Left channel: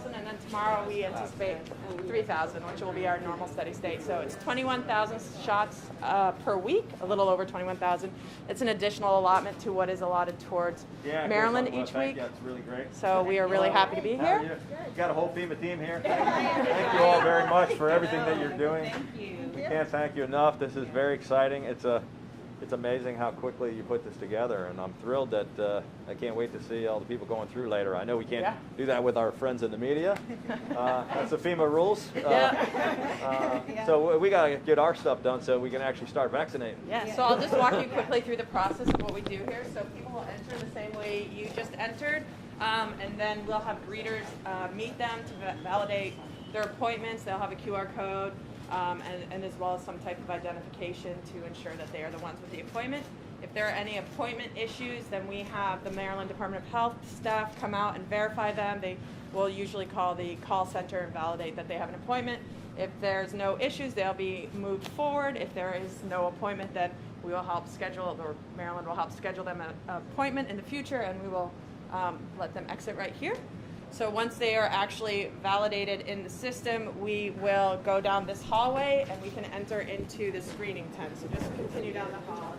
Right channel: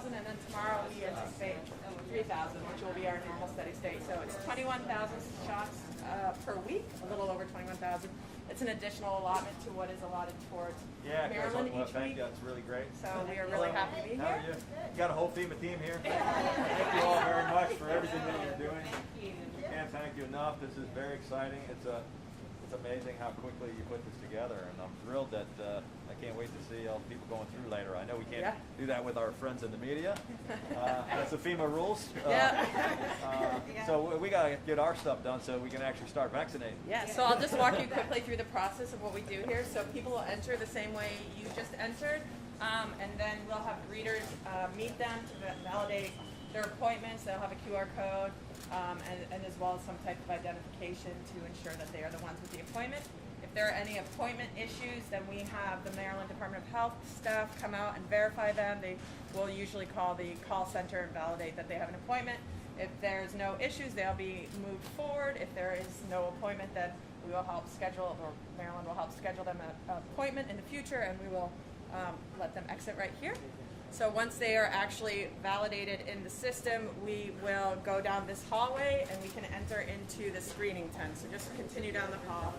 2,000, and then tomorrow we anticipate 3,000, which will be our normal steady state. So it's 21,000 shots per week, a little over 21,000. It's an additional allotment to what is allotted towards Maryland each week. Yeah, it's really great. So we are really happy to be here. You've got a whole FEMA team here. Thank you all very much for everything that you're doing. Thank you. We can't thank you enough. This is very exciting. It's amazing how quickly you put this together, and I'm thrilled that I can't wait to see all the people going through later. I know we can't do that with our friends in the media. That's the FEMA rules. So we got to get our stuff done so we can actually start vaccinating. Yeah, so I'll just walk you quickly through the process of what we do here. So people will enter the same way you just entered, and then we'll have greeters meet them to validate their appointments. They'll have a QR code. And as well as some type of identification to ensure that they are the ones with the appointment. If there are any appointment issues, then we have the Maryland Department of Health staff come out and verify them. They will usually call the call center and validate that they have an appointment. If there's no issues, they'll be moved forward. If there is no appointment, then we will help schedule, or Maryland will help schedule them an appointment in the future, and we will let them exit right here. So once they are actually validated in the system, we will go down this hallway and we can enter into the screening tent. So just continue down the hall.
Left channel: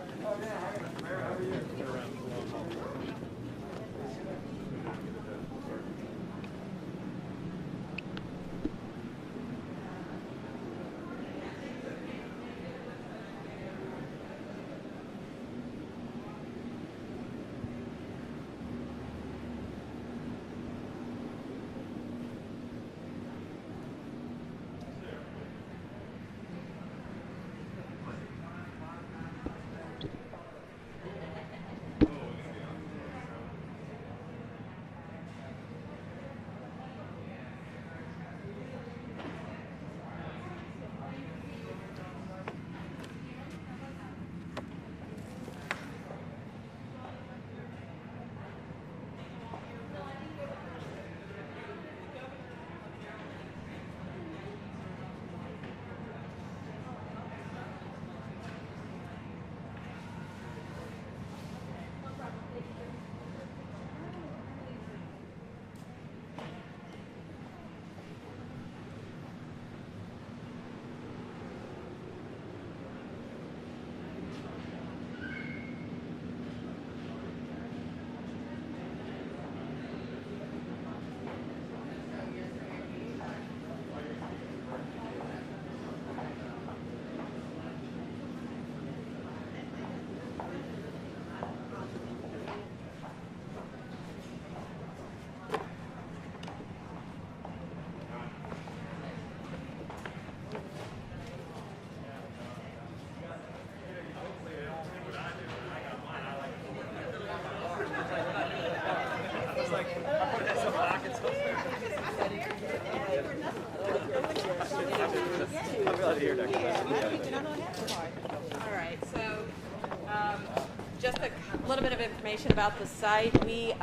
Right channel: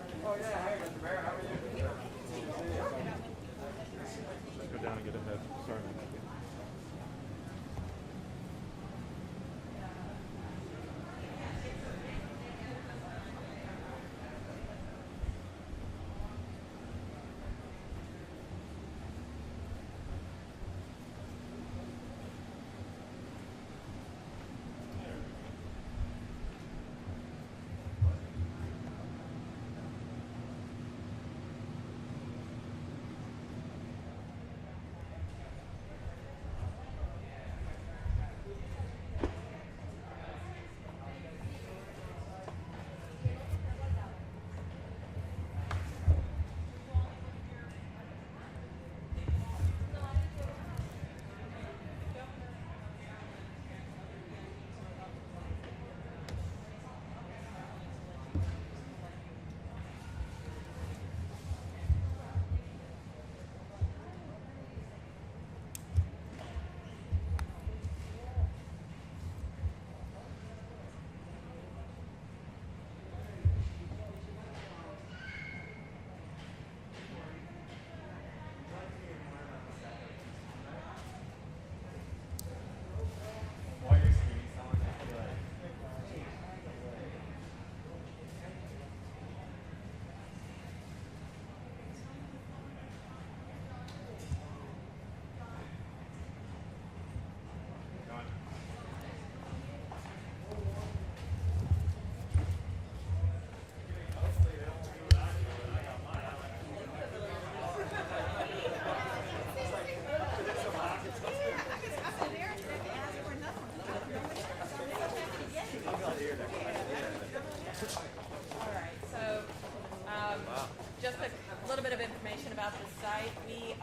Just a little bit of information about the site. We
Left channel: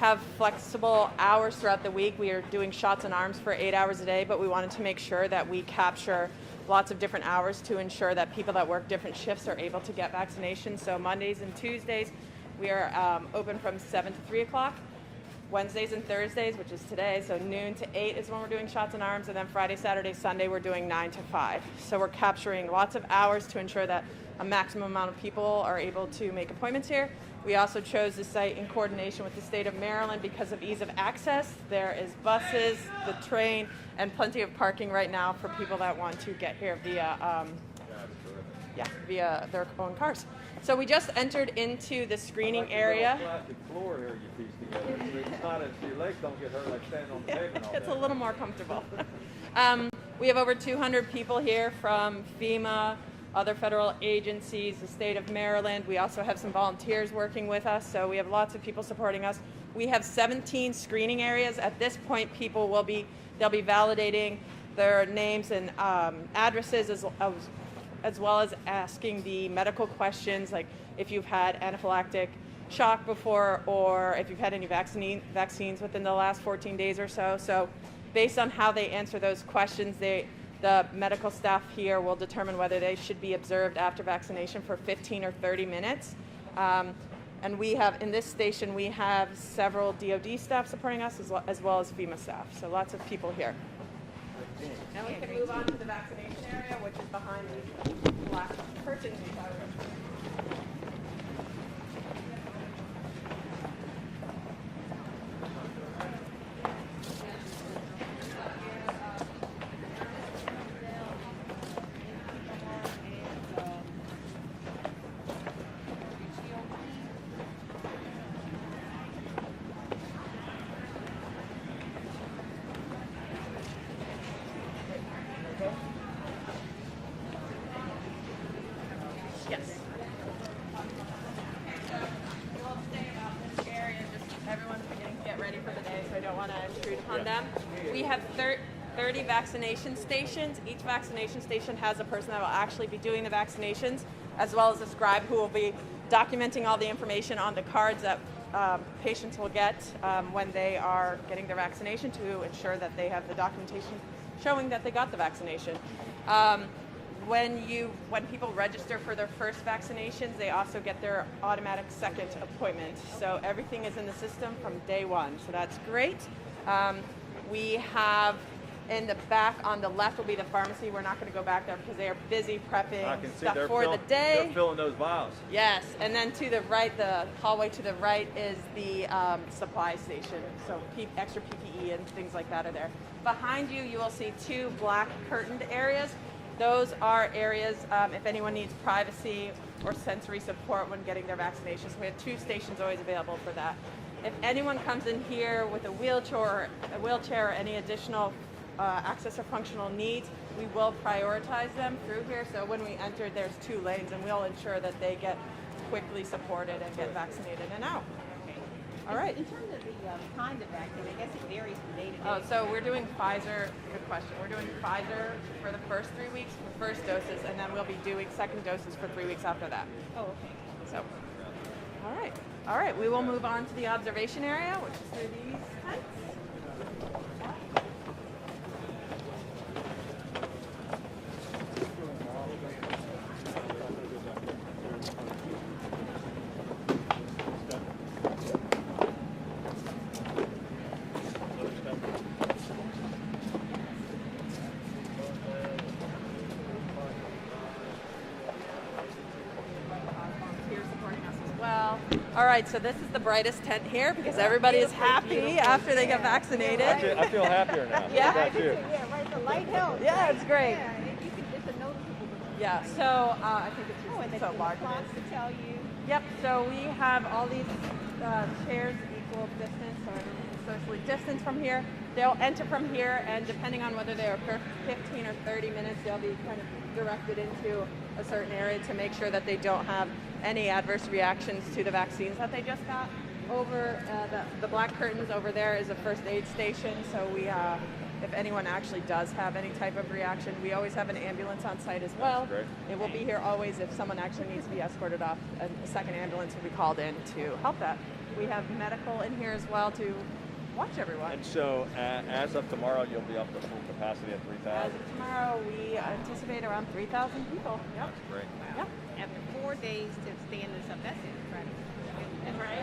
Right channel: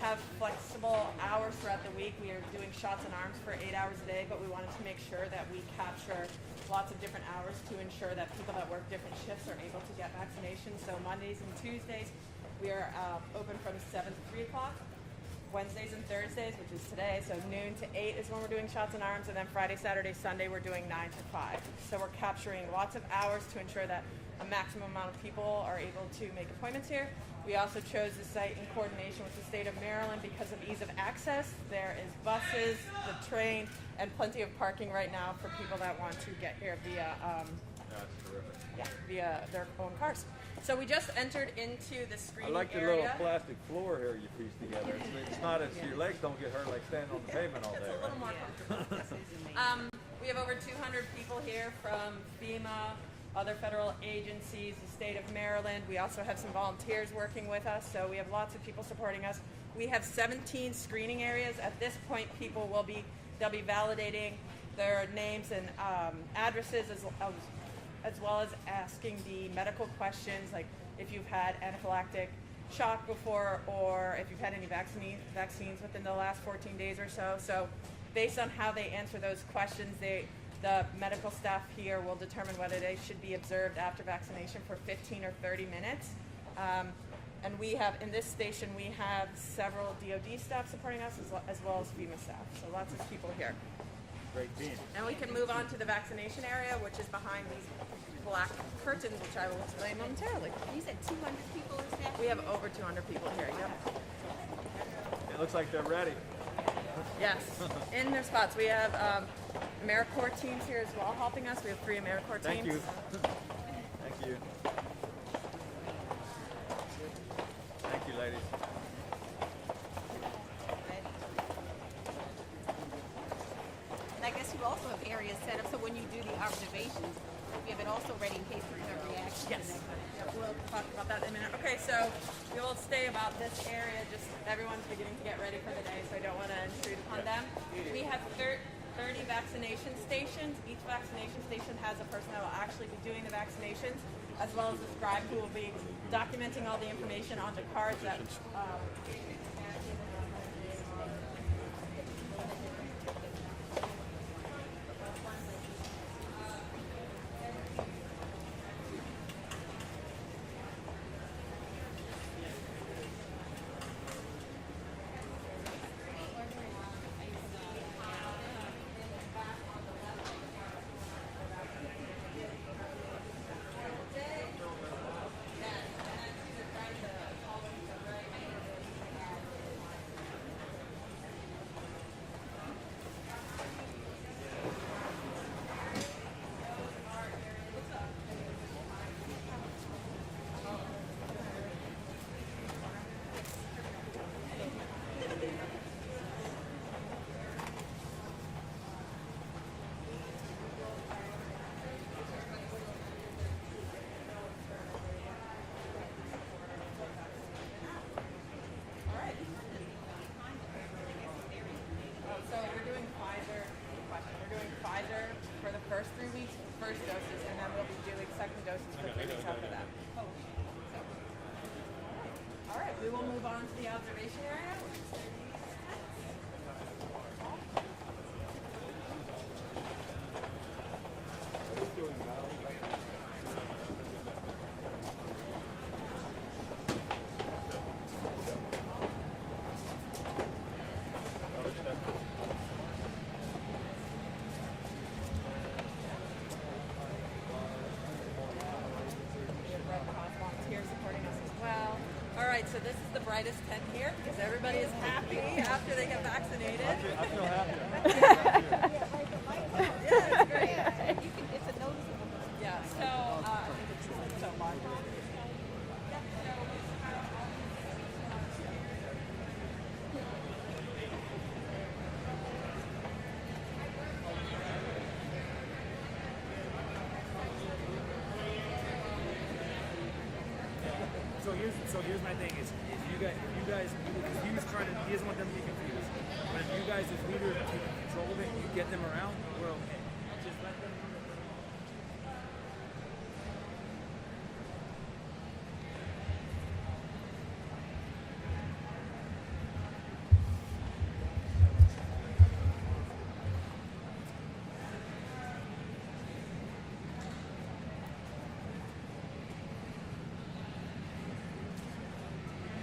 have flexible hours throughout the week. We are doing shots in arms for 8 hours a day, but we wanted to make sure that we capture lots of different hours to ensure that people that work different shifts are able to get vaccinations. So Mondays and Tuesdays, we are open from 7 to 3 o'clock. Wednesdays and Thursdays, which is today, so noon to 8 is when we're doing shots in arms, and then Friday, Saturday, Sunday, we're doing 9 to 5. So we're capturing lots of hours to ensure that a maximum amount of people are able to make appointments here. We also chose the site in coordination with the state of Maryland because of ease of access. There is buses, the train, and plenty of parking right now for people that want to get here via their own cars. So we just entered into the screening area. Plastic floor here you pieced together. It's not as your legs don't get hurt like standing on the pavement. It's a little more comfortable. We have over 200 people here from FEMA, other federal agencies, the state of Maryland. We also have some volunteers working with us, so we have lots of people supporting us. We have 17 screening areas. At this point, people they'll be validating their names and addresses as well as asking the medical questions, like if you've had anaphylactic shock before or if you've had any vaccines within the last 14 days or so. So based on how they answer those questions, the medical staff here will determine whether they should be observed after vaccination for 15 or 30 minutes. And we have, in this station, we have several DoD staff supporting us as well as FEMA staff. So lots of people here. Now we can move on to the vaccination area, which is behind these black curtains, which I will explain momentarily. You said 200 people today? We have over 200 people here. Yep. It looks like they're ready. Yes, in their spots. We have AmeriCorps teams here as well helping us. We have 3 AmeriCorps Thank teams. you. Thank you. Thank you, ladies. And I guess you also have areas set up so when you do the observation, we have it also ready in case there's a reaction. Yes. We'll talk about that in a minute. Okay, so we'll stay about this area. Just everyone's beginning to get ready for the day, so I don't want to intrude upon them. We have 30 vaccination stations. Each vaccination station has a person that will actually be doing the vaccinations, as well as a scribe who will be documenting all the information on the cards that patients will get when they are getting their vaccination to ensure that they have the documentation showing that they got the vaccination. When people register for their first vaccinations, they also get their automatic second appointment. So everything is in the system from day one. So that's great. We have in the back on the left will be the pharmacy. We're not going to go back there because they are busy prepping I can see stuff they're for the day. They're filling those vials. Yes, and then to the right, the hallway to the right is the supply station. So extra PPE and things like that are there. Behind you, you will see 2 black curtained areas. Those are areas if anyone needs privacy or sensory support when getting their vaccinations. We have 2 stations always available for that. If anyone comes in here with a wheelchair or any additional access or functional needs, we will prioritize them through here. So when we enter, there's 2 lanes, and we'll ensure that they get quickly supported and get vaccinated and out. All right. In terms of the kind of vaccine, I guess it varies from day to day. So we're doing Pfizer. Good question. We're doing Pfizer for the first 3 weeks, first doses, and then we'll be doing second doses for 3 weeks after that. Oh, okay. So, all right. All right. We will move on to the observation area, which is through these tents. All right, so this is the brightest tent here because everybody is happy after they get vaccinated. I feel happier now. Yeah. How about you? Yeah, right, the light helps. Yeah, it's great. It's a noticeable. Yeah, so I think it's so large. Clocks to tell you. Yep, so we have all these chairs equal distance, so we're distance from here. They'll enter from here, and depending on whether they're 15 or 30 minutes, they'll be kind of directed into a certain area to make sure that they don't have any adverse reactions to the vaccines that they just got. Over the black curtains over there is a first aid station, so we, if anyone actually does have any type of reaction, we always have an ambulance on site as well. Great. It will be here always if someone actually needs to be escorted off. A second ambulance will be called in to help that. We have medical in here as well to watch everyone. And so, as of tomorrow, you'll be up to full capacity of 3,000. Tomorrow we anticipate around 3,000 people. Yep. Great. Yep. Yeah, 4 days to stand this up. That's right. That's right.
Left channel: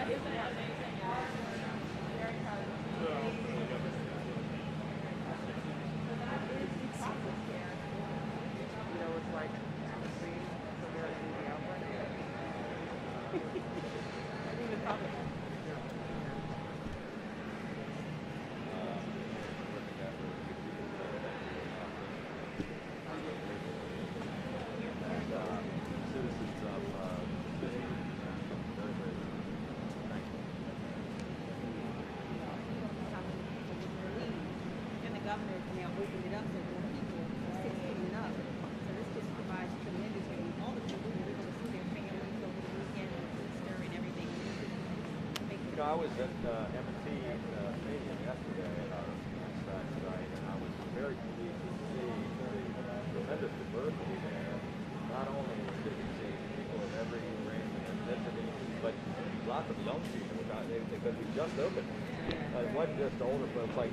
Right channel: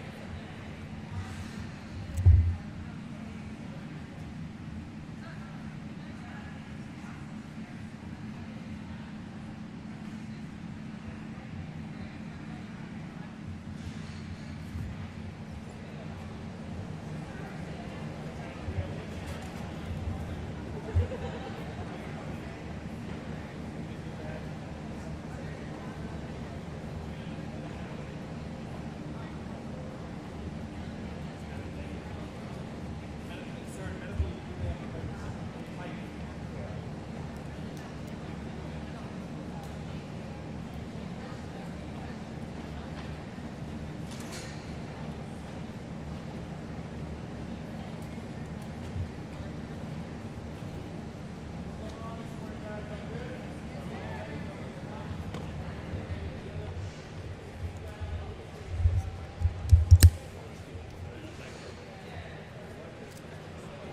I was at M&T meeting yesterday. I was very pleased to see tremendous diversity. Not only with every range and ethnicity, but lots of young people without anything. But we just opened. It wasn't just older folks like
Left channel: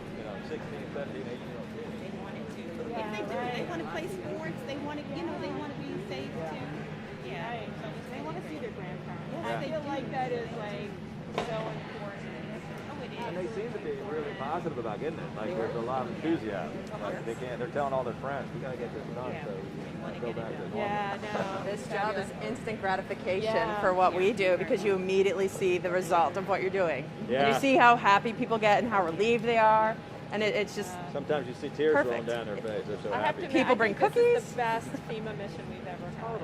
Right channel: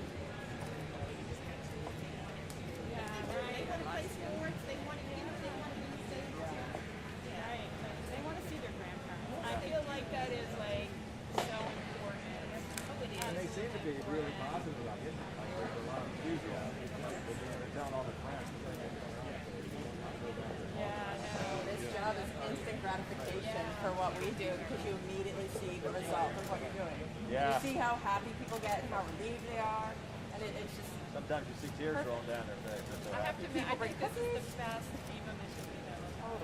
16, 17, 18. They want to play sports. They want to, they want to be safe too. Yeah. They want to see their grandparents. I feel like that is like positive about getting it. Like there's a lot of enthusiasm. Like they're telling all their friends, we gotta get this done so go back to normal. Yeah, no, this job is instant gratification for what we do because you immediately see the result of what you're doing. Yeah. And you see how happy people get and how relieved they are. And it's just Sometimes you see tears rolling down their face. They're so happy. People bring This cookies. is the best FEMA mission we've ever had.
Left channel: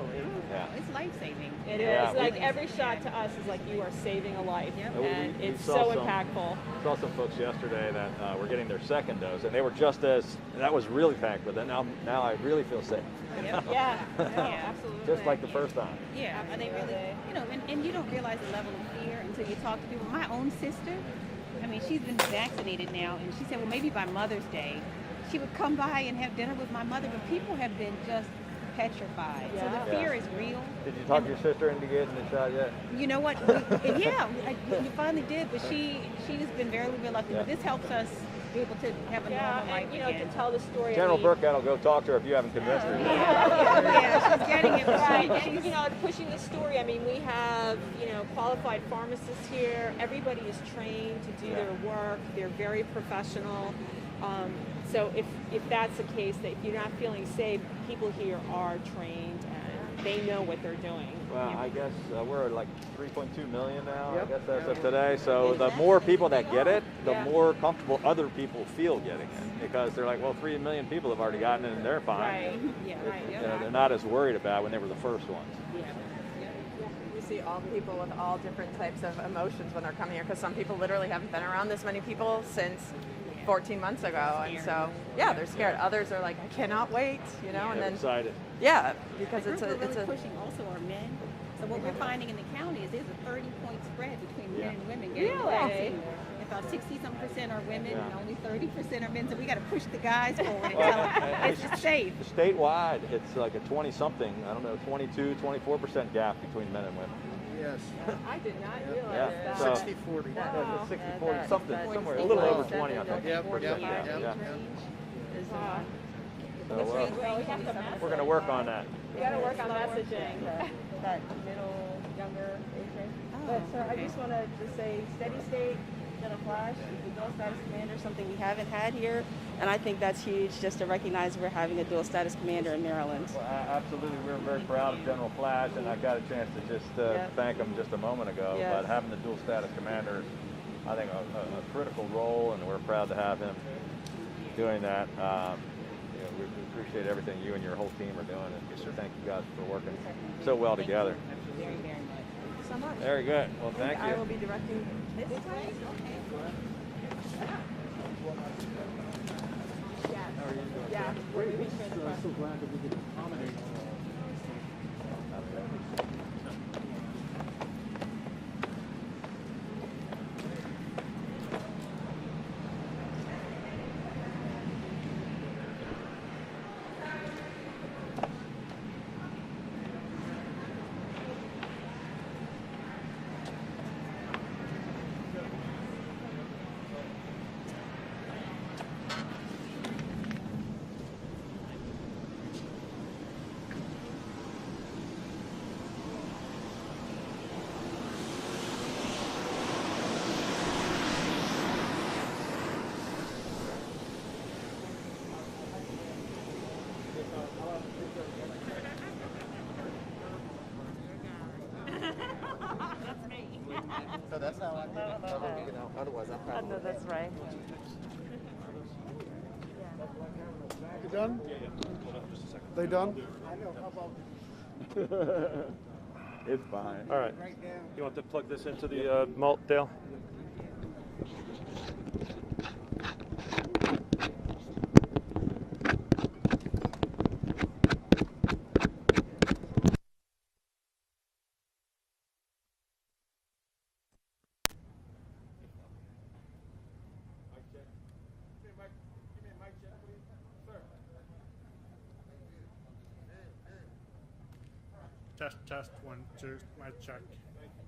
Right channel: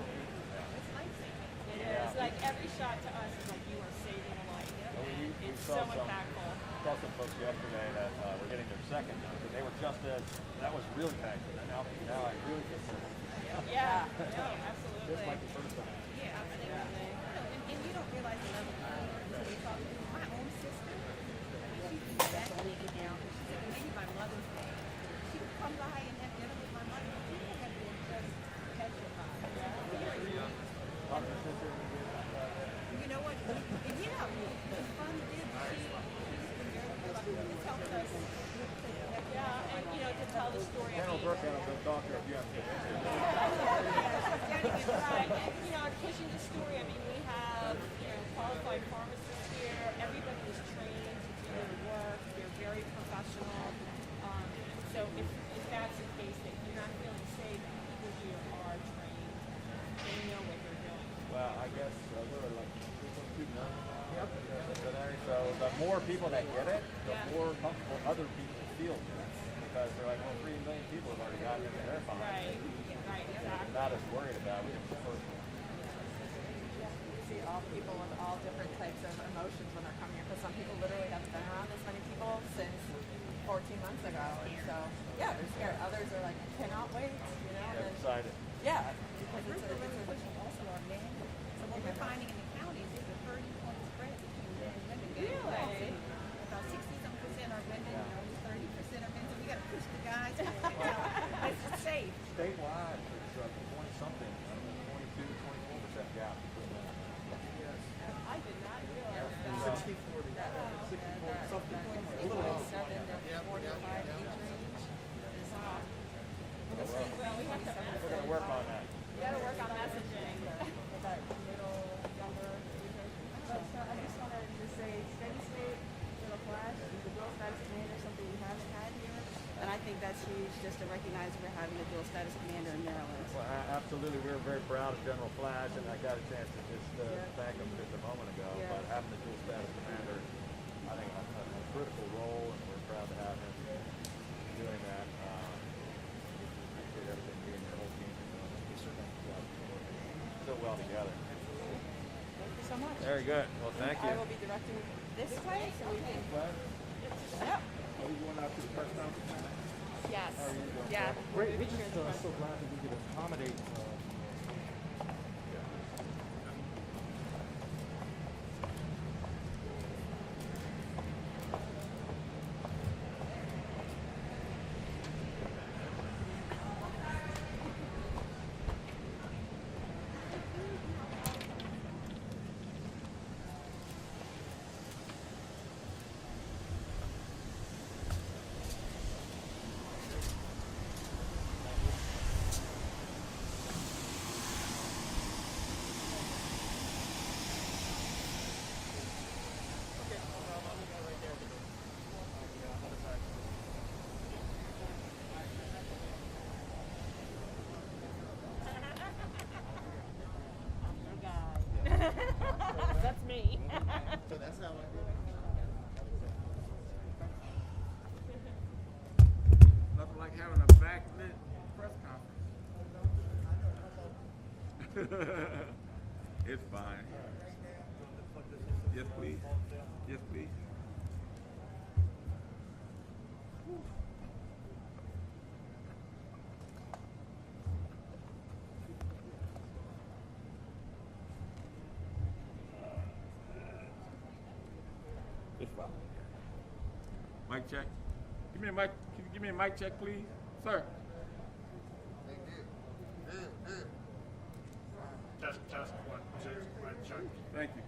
Yeah. It's life-saving. It is. Yeah, Like every shot to us is like you are saving a life, and We it's saw so some- impactful. Saw some folks yesterday that were getting their second dose, and they were just as, that was really packed, but then now I really feel safe. Yeah, absolutely. Just like the first time. Yeah, and they really, and you don't realize the level of fear until you talk to people. My own sister, I mean, she's been vaccinated now, and she said, well, maybe by Mother's Day, she would come by and have dinner with my mother, but people have been just petrified. So the fear is real. Did you talk your sister into getting the shot yet? You know what? We finally did, but she's been very reluctant. But this helps us be able to have a normal life And, again. to tell the story. General Burkhead will go talk to her if you haven't convinced her. Yeah, she's getting it Right, right. and pushing the story. I mean, we have qualified pharmacists here. Everybody is trained to do their work. They're very professional. So if that's the case, that if you're not feeling safe, people here are trained and they know what they're doing. Well, I guess we're at like 3.2 million now, I guess that's of today. So the more people that get it, the more comfortable other people feel getting it. Because they're like, well, 3 million people have already gotten it and they're fine. Right. Yeah. They're not as worried about when they were the first ones. We see all people with all different types of emotions when they're coming here because some people literally haven't been around this many people since 14 months ago, and so they're scared. Others are like, I cannot wait, and They're then excited. because it's We're a really pushing also our men. So what we're finding in the county is there's a 30-point spread between men and women getting the Really? vaccine. About 60-some% are women and only 30% are men. So we got to push the guys for it. So it's just safe. Statewide, it's like a 20-something, I don't know, 22, 24% gap between men and women. Yes. I did not Yeah. realize So, that. 60-40. yeah, 60, 40, something, somewhere, a little over 20, I think. Yep, yep, Yeah. yep. Wow. So, Well, we have to we're going to work on that. We got to work on messaging. That middle, younger age range. But so I just want to say steady state, gonna flash, the dual status commander, something we haven't had here. And I think that's huge just to recognize we're having a dual status commander in Maryland. Well, absolutely, we're very proud of General Flash, and I got a chance to just thank him just a moment ago. Yeah. But having the dual status commander is, I think, a critical role, and we're proud to have him doing that. We appreciate everything you and your whole team are doing, and thank you guys for working so well together. so much. Very good. Well, thank I you. will be directing this way, so we can. Yes. Yeah. We're being transparent. That's me. So that's how I otherwise I'm I know that's right. You done? They done? It's fine. All right. You want to plug this into the malt, Dale? Yes, please. Mic check. Give me a mic. Can you give me a mic check, please, sir? Test, 1, 2, mic check. Thank you.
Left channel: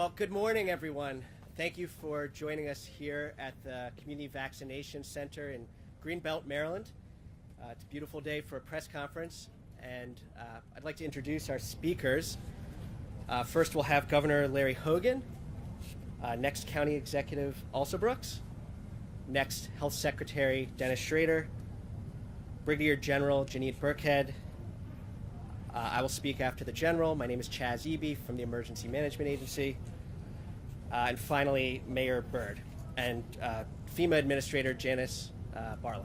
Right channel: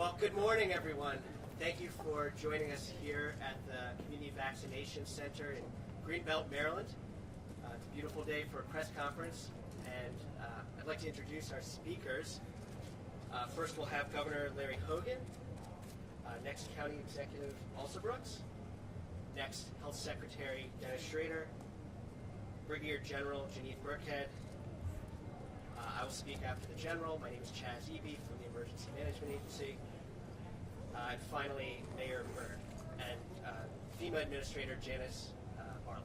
Well, good morning, everyone. Thank you for joining us here at the Community Vaccination Center in Greenbelt, Maryland. It's a beautiful day for a press conference, and I'd like to introduce our speakers. First, we'll have Governor Larry Hogan. Next, County Executive Alsa Brooks. Next, Health Secretary Dennis Schrader. Brigadier General Janine Burkhead. I will speak after the General. My name is Chaz Eby from the Emergency Management Agency. And finally, Mayor Byrd and FEMA Administrator Janice Barlow.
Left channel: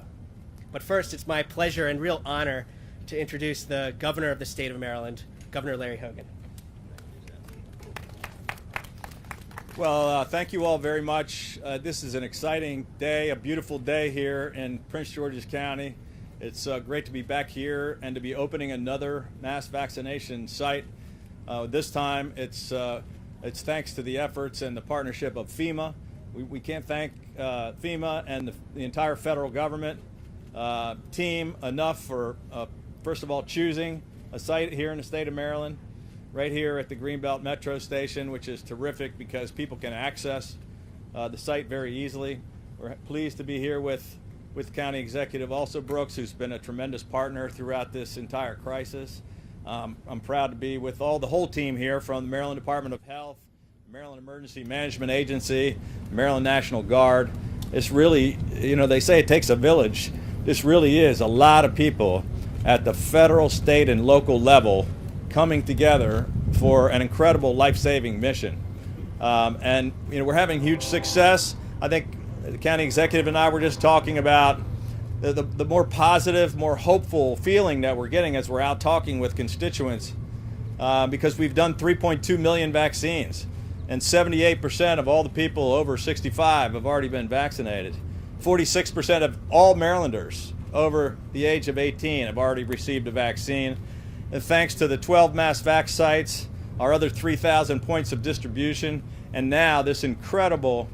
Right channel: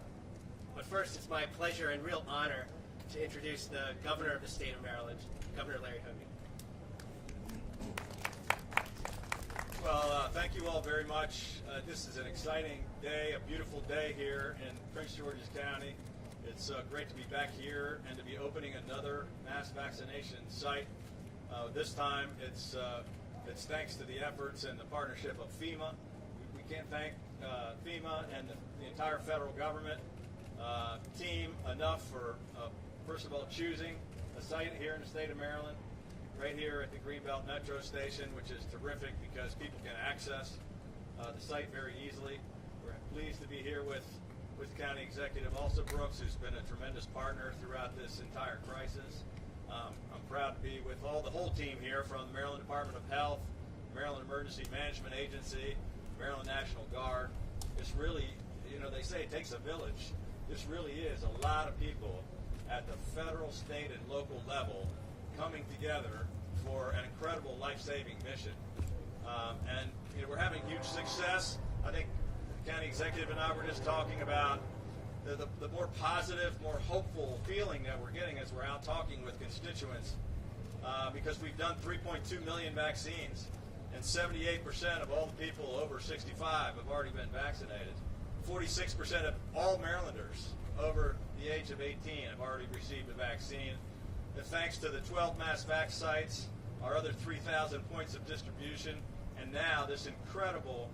But first, it's my pleasure and real honor to introduce the Governor of the State of Maryland, Governor Larry Hogan. Well, thank you all very much. This is an exciting day, a beautiful day here in Prince George's County. It's great to be back here and to be opening another mass vaccination site. This time, it's thanks to the efforts and the partnership of FEMA. We can't thank FEMA and the entire federal government team enough for, first of all, choosing a site here in the state of Maryland, right here at the Greenbelt Metro station, which is terrific because people can access the site very easily. We're pleased to be here with County Executive Alsa Brooks, who's been a tremendous partner throughout this entire crisis. I'm proud to be with the whole team here from the Maryland Department of Health, Maryland Emergency Management Agency, Maryland National Guard. It's really, they say it takes a village. This really is a lot of people at the federal, state, and local level coming together for an incredible life-saving mission. And we're having huge success. I think the county executive and I were just talking about the more positive, more hopeful feeling that we're getting as we're out talking with constituents, because we've done 3.2 million vaccines, and 78% of all the people over 65 have already been vaccinated. 46% of all Marylanders over the age of 18 have already received a vaccine. And thanks to the 12 mass vac sites, our other 3,000 points of distribution, and now this incredible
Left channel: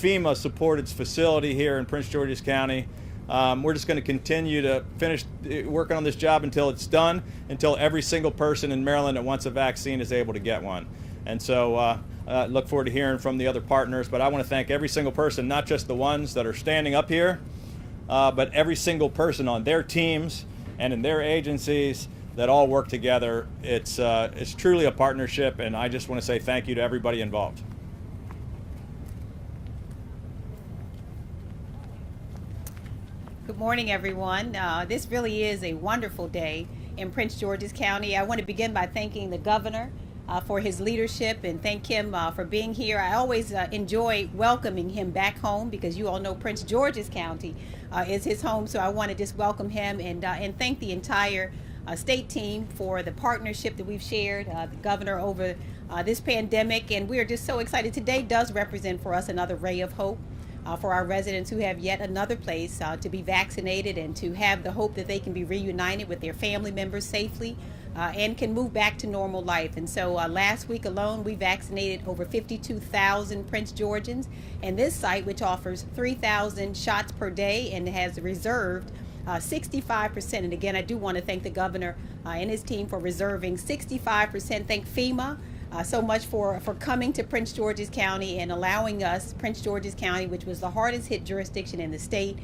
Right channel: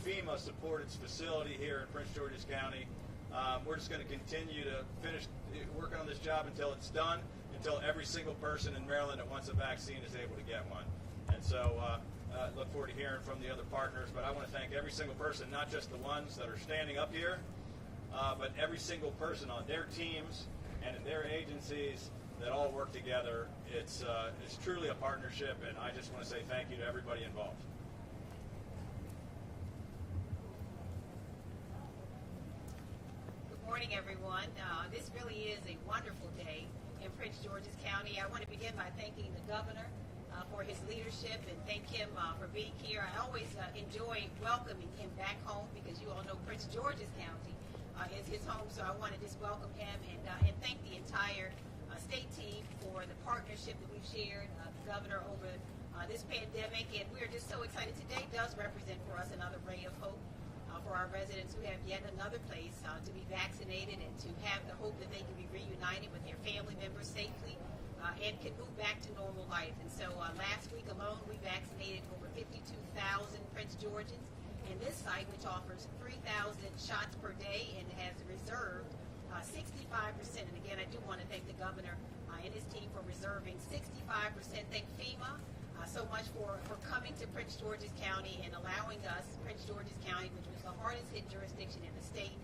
FEMA-supported facility here in Prince George's County, we're just going to continue to finish working on this job until it's done, until every single person in Maryland that wants a vaccine is able to get one. And so look forward to hearing from the other partners, but I want to thank every single person, not just the ones that are standing up here, but every single person on their teams and in their agencies that all work together. It's truly a partnership, and I just want to say thank you to everybody involved. Good morning, everyone. This really is a wonderful day in Prince George's County. I want to begin by thanking the governor for his leadership and thank him for being here. I always enjoy welcoming him back home because you all know Prince George's County is his home. So I want to just welcome him and thank the entire state team for the partnership that we've shared, the governor over this pandemic. And we are just so excited. Today does represent for us another ray of hope for our residents who have yet another place to be vaccinated and to have the hope that they can be reunited with their family members safely and can move back to normal life. And so last week alone, we vaccinated over 52,000 Prince Georgians. And this site, which offers 3,000 shots per day and has reserved 65%. And again, I do want to thank the governor and his team for reserving 65%. Thank FEMA so much for coming to Prince George's County and allowing us, Prince George's County, which was the hardest hit jurisdiction in the state,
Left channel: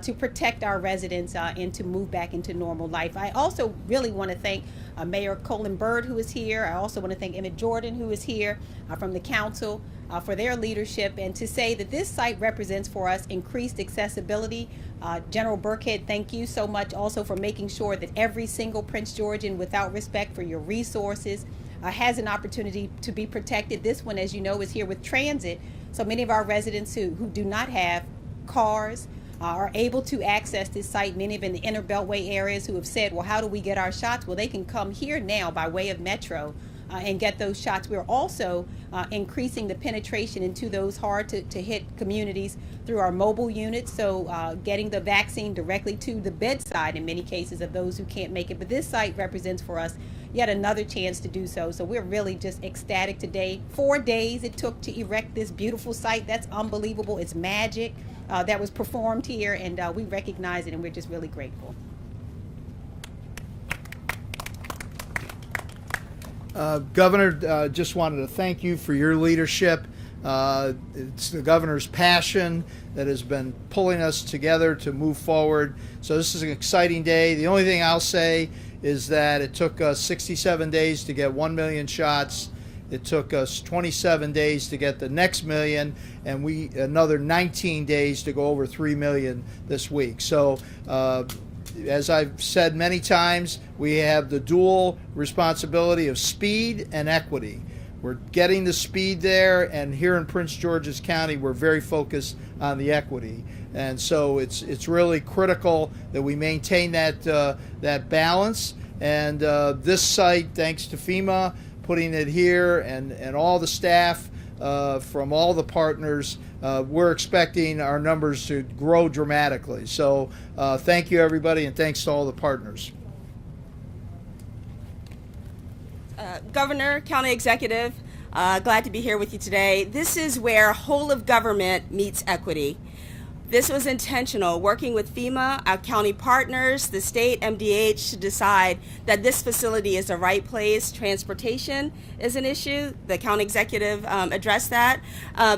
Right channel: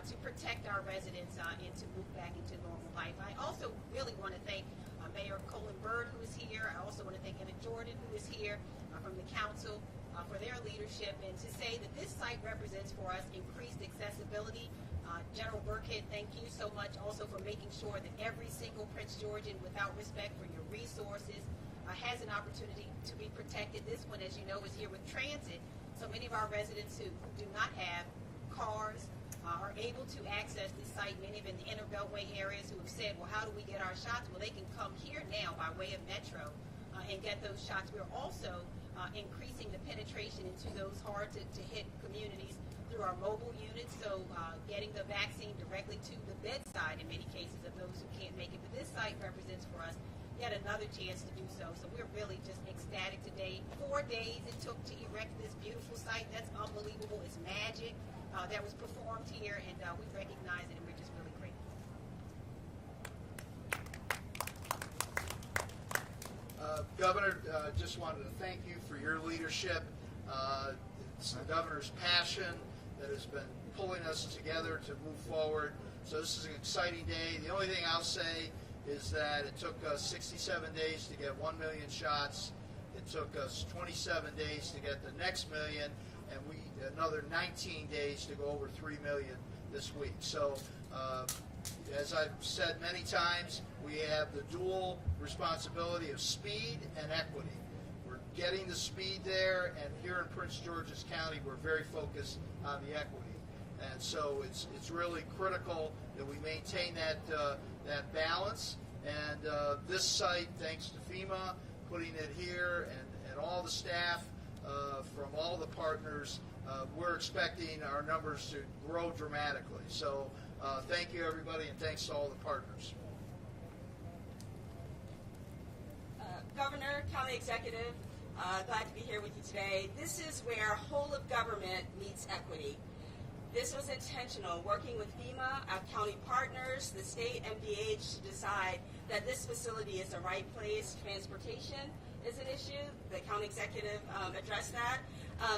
to protect our residents and to move back into normal life. I also really want to thank Mayor Colin Byrd, who is here. I also want to thank Emmett Jordan, who is here from the council for their leadership, and to say that this site represents for us increased accessibility. General Burkhead, thank you so much also for making sure that every single Prince Georgian, without respect for your resources, has an opportunity to be protected. This one, as you know, is here with transit. So many of our residents who do not have cars are able to access this site. Many of in the inner Beltway areas who have said, well, how do we get our shots? Well, they can come here now by way of Metro and get those shots. We're also increasing the penetration into those hard to hit communities through our mobile units. So getting the vaccine directly to the bedside in many cases of those who can't make it. But this site represents for us yet another chance to do so. So we're really just ecstatic today. 4 days it took to erect this beautiful site. That's unbelievable. It's magic that was performed here, and we recognize it, and we're just really grateful. Governor, just wanted to thank you for your leadership. It's the governor's passion that has been pulling us together to move forward. So this is an exciting day. The only thing I'll say is that it took us 67 days to get 1 million shots. It took us 27 days to get the next million, and another 19 days to go over 3 million this week. So as I've said many times, we have the dual responsibility of speed and equity. We're getting the speed there, and here in Prince George's County, we're very focused on the equity. And so it's really critical that we maintain that balance. And this site, thanks to FEMA putting it here and all the staff from all the partners, we're expecting our numbers to grow dramatically. So thank you, everybody, and thanks to all the partners. Governor, County Executive, glad to be here with you today. This is where whole of government meets equity. This was intentional, working with FEMA, our county partners, the state, MDH, to decide that this facility is the right place. Transportation is an issue. The county executive addressed that.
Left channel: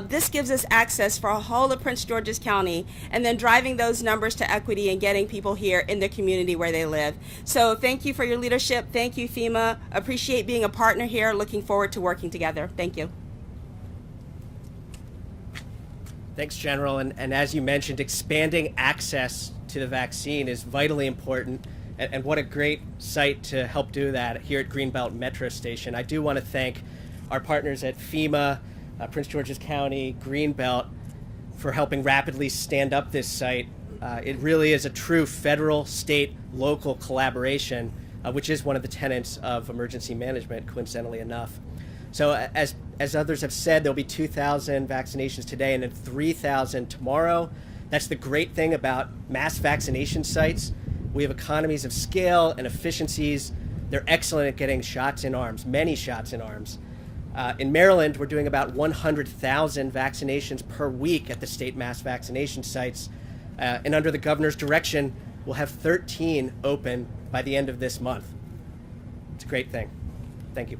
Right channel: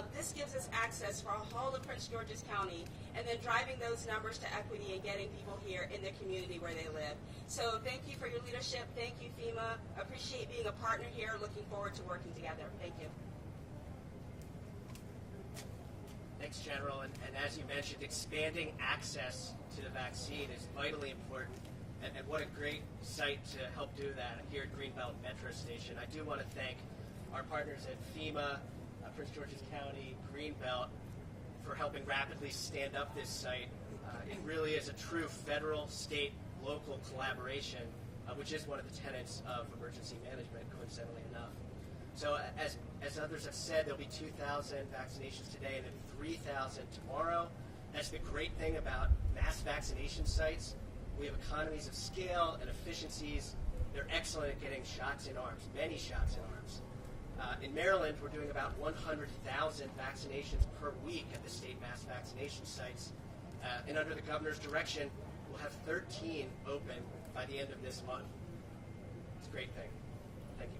This gives us access for a whole of Prince George's County, and then driving those numbers to equity and getting people here in the community where they live. So thank you for your leadership. Thank you, FEMA. Appreciate being a partner here. Looking forward to working together. Thank you. Thanks, General. And as you mentioned, expanding access to the vaccine is vitally important. And what a great site to help do that here at Greenbelt Metro Station. I do want to thank our partners at FEMA, Prince George's County, Greenbelt, for helping rapidly stand up this site. It really is a true federal, state, local collaboration, which is one of the tenets of emergency management, coincidentally enough. So as others have said, there'll be 2,000 vaccinations today and then 3,000 tomorrow. That's the great thing about mass vaccination sites. We have economies of scale and efficiencies. They're excellent at getting shots in arms, many shots in arms. In Maryland, we're doing about 100,000 vaccinations per week at the state mass vaccination sites. And under the governor's direction, we'll have 13 open by the end of this month. It's a great thing. Thank you.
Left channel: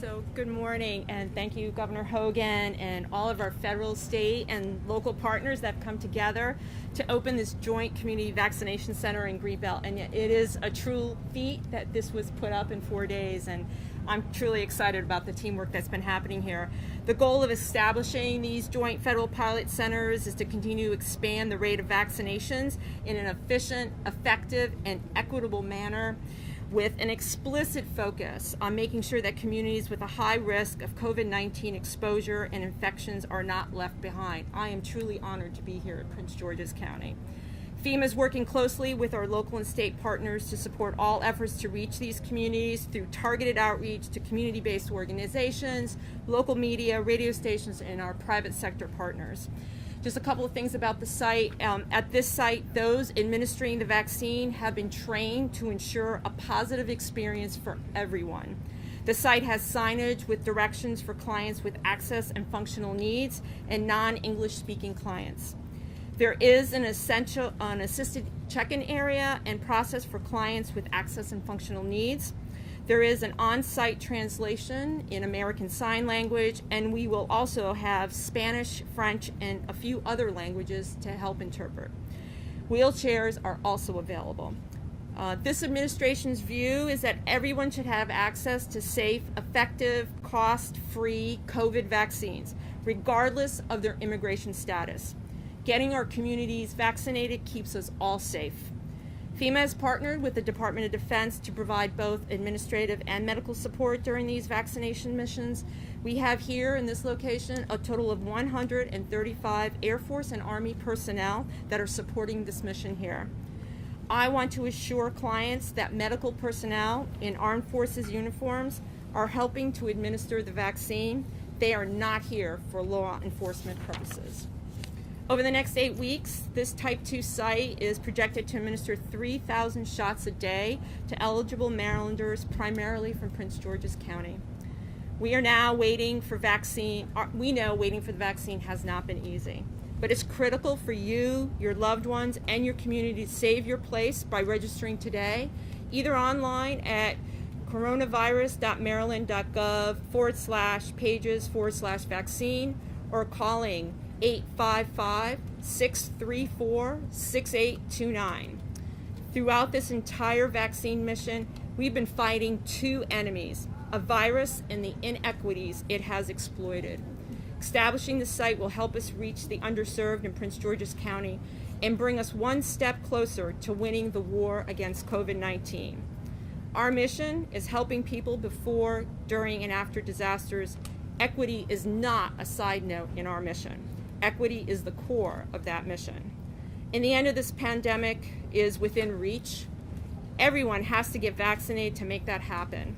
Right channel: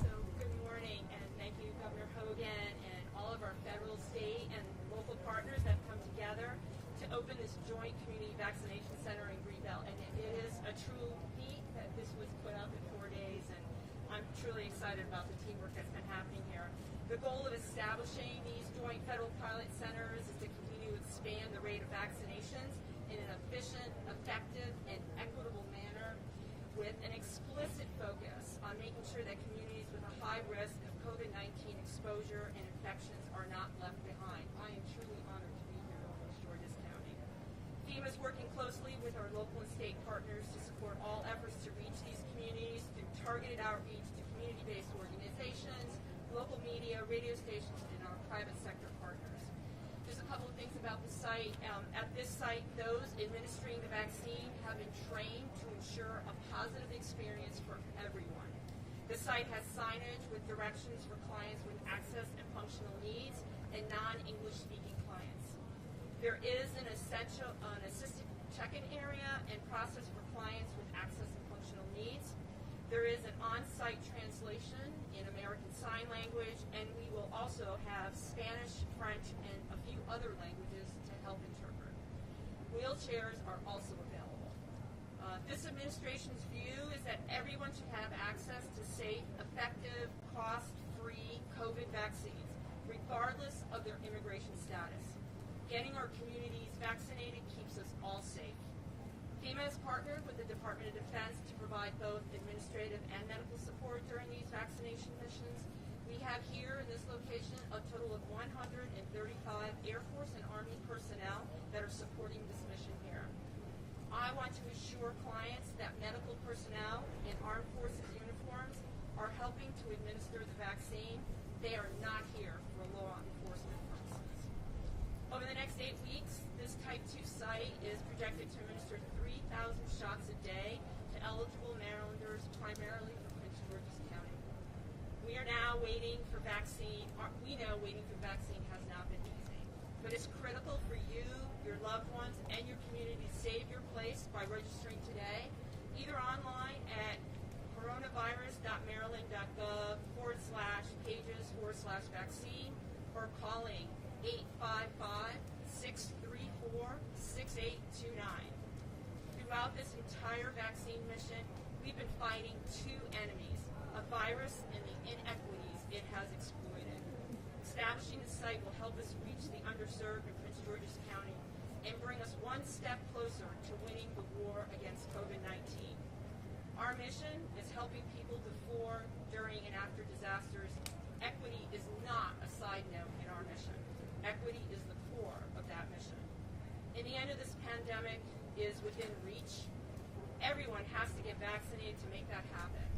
So good morning, and thank you, Governor Hogan, and all of our federal, state, and local partners that have come together to open this joint community vaccination center in Greenbelt. And it is a true feat that this was put up in 4 days, and I'm truly excited about the teamwork that's been happening here. The goal of establishing these joint federal pilot centers is to continue to expand the rate of vaccinations in an efficient, effective, and equitable manner, with an explicit focus on making sure that communities with a high risk of COVID-19 exposure and infections are not left behind. I am truly honored to be here at Prince George's County. FEMA is working closely with our local and state partners to support all efforts to reach these communities through targeted outreach to community-based organizations, local media, radio stations, and our private sector partners. Just a couple of things about the site. At this site, those administering the vaccine have been trained to ensure a positive experience for everyone. The site has signage with directions for clients with access and functional needs and non-English speaking clients. There is an assisted check-in area and process for clients with access and functional needs. There is an on-site translation in American Sign Language, and we will also have Spanish, French, and a few other languages to help interpret. Wheelchairs are also available. This administration's view is that everyone should have access to safe, effective, cost-free COVID vaccines, regardless of their immigration status. Getting our communities vaccinated keeps us all safe. FEMA has partnered with the Department of Defense to provide both administrative and medical support during these vaccination missions. We have here in this location a total of 135 Air Force and Army personnel that are supporting this mission here. I want to assure clients that medical personnel in armed forces uniforms are helping to administer the vaccine. They are not here for law enforcement purposes. Over the next 8 weeks, this Type 2 site is projected to administer 3,000 shots a day to eligible Marylanders, primarily from Prince George's County. We are now waiting for vaccine. We know waiting for the vaccine has not been easy, but it's critical for you, your loved ones, and your community to save your place by registering today. either online at coronavirus.maryland.gov/pages/vaccine or calling 855-634-6829. Throughout this entire vaccine mission, we've been fighting two enemies, a virus and the inequities it has exploited. Establishing the site will help us reach the underserved in Prince George's County and bring us one step closer to winning the war against COVID-19. Our mission is helping people before, during, and after disasters. Equity is not a side note in our mission. Equity is the core of that mission. In the end of this pandemic is within reach. Everyone has to get vaccinated to make that happen.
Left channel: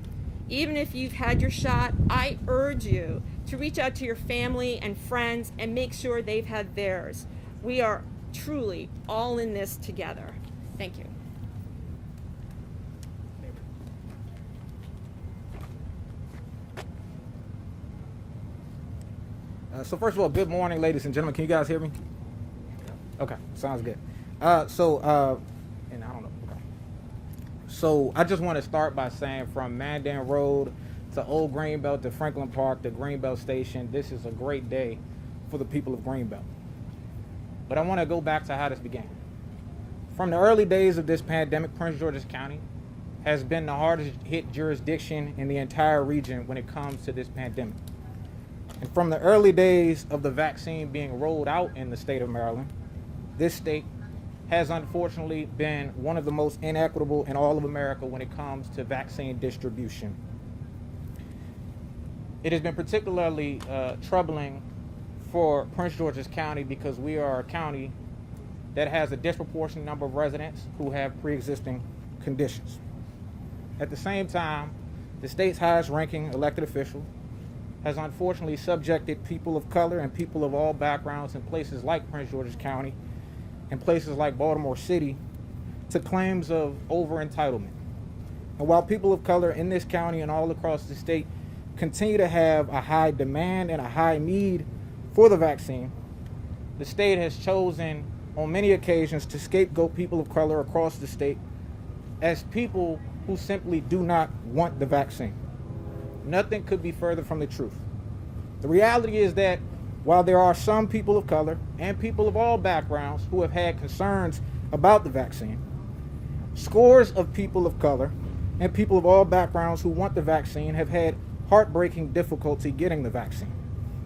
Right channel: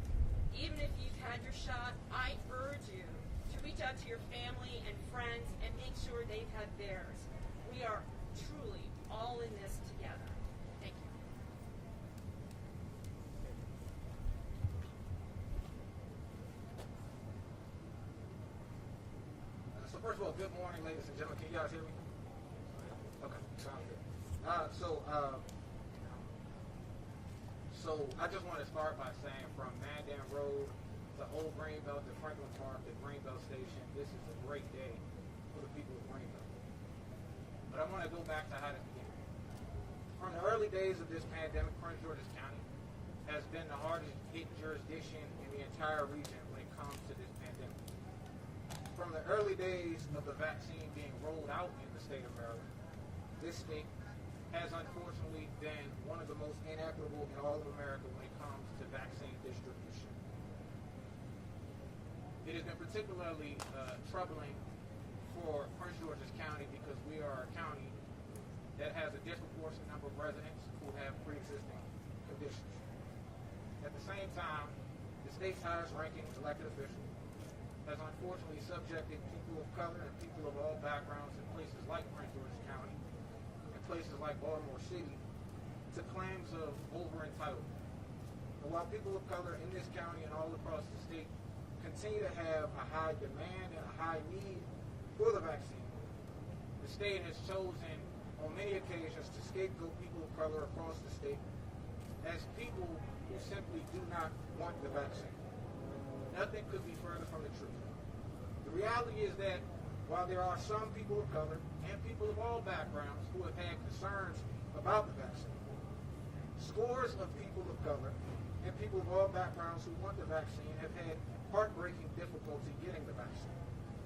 Even if you've had your shot, I urge you to reach out to your family and friends and make sure they've had theirs. We are truly all in this together. Thank you. So first of all, good morning, ladies and gentlemen. Can you guys hear me? Okay, sounds good. And I don't know. Okay. So I just want to start by saying from Mandan Road to Old Greenbelt to Franklin Park to Greenbelt Station, this is a great day for the people of Greenbelt. But I want to go back to how this began. From the early days of this pandemic, Prince George's County has been the hardest hit jurisdiction in the entire region when it comes to this pandemic. And from the early days of the vaccine being rolled out in the state of Maryland, this state has unfortunately been one of the most inequitable in all of America when it comes to vaccine distribution. It has been particularly troubling for Prince George's County because we are a county that has a disproportionate number of residents who have pre-existing conditions. At the same time, the state's highest ranking elected official has unfortunately subjected people of color and people of all backgrounds in places like Prince George's County and places like Baltimore City to claims of over-entitlement. And while people of color in this county and all across the state continue to have a high demand and a high need for the vaccine, the state has chosen on many occasions to scapegoat people of color across the state as people who simply do not want the vaccine. Nothing could be further from the truth. The reality is that while there are some people of color and people of all backgrounds who have had concerns about the vaccine, scores of people of color and people of all backgrounds who want the vaccine have had heartbreaking difficulty getting the vaccine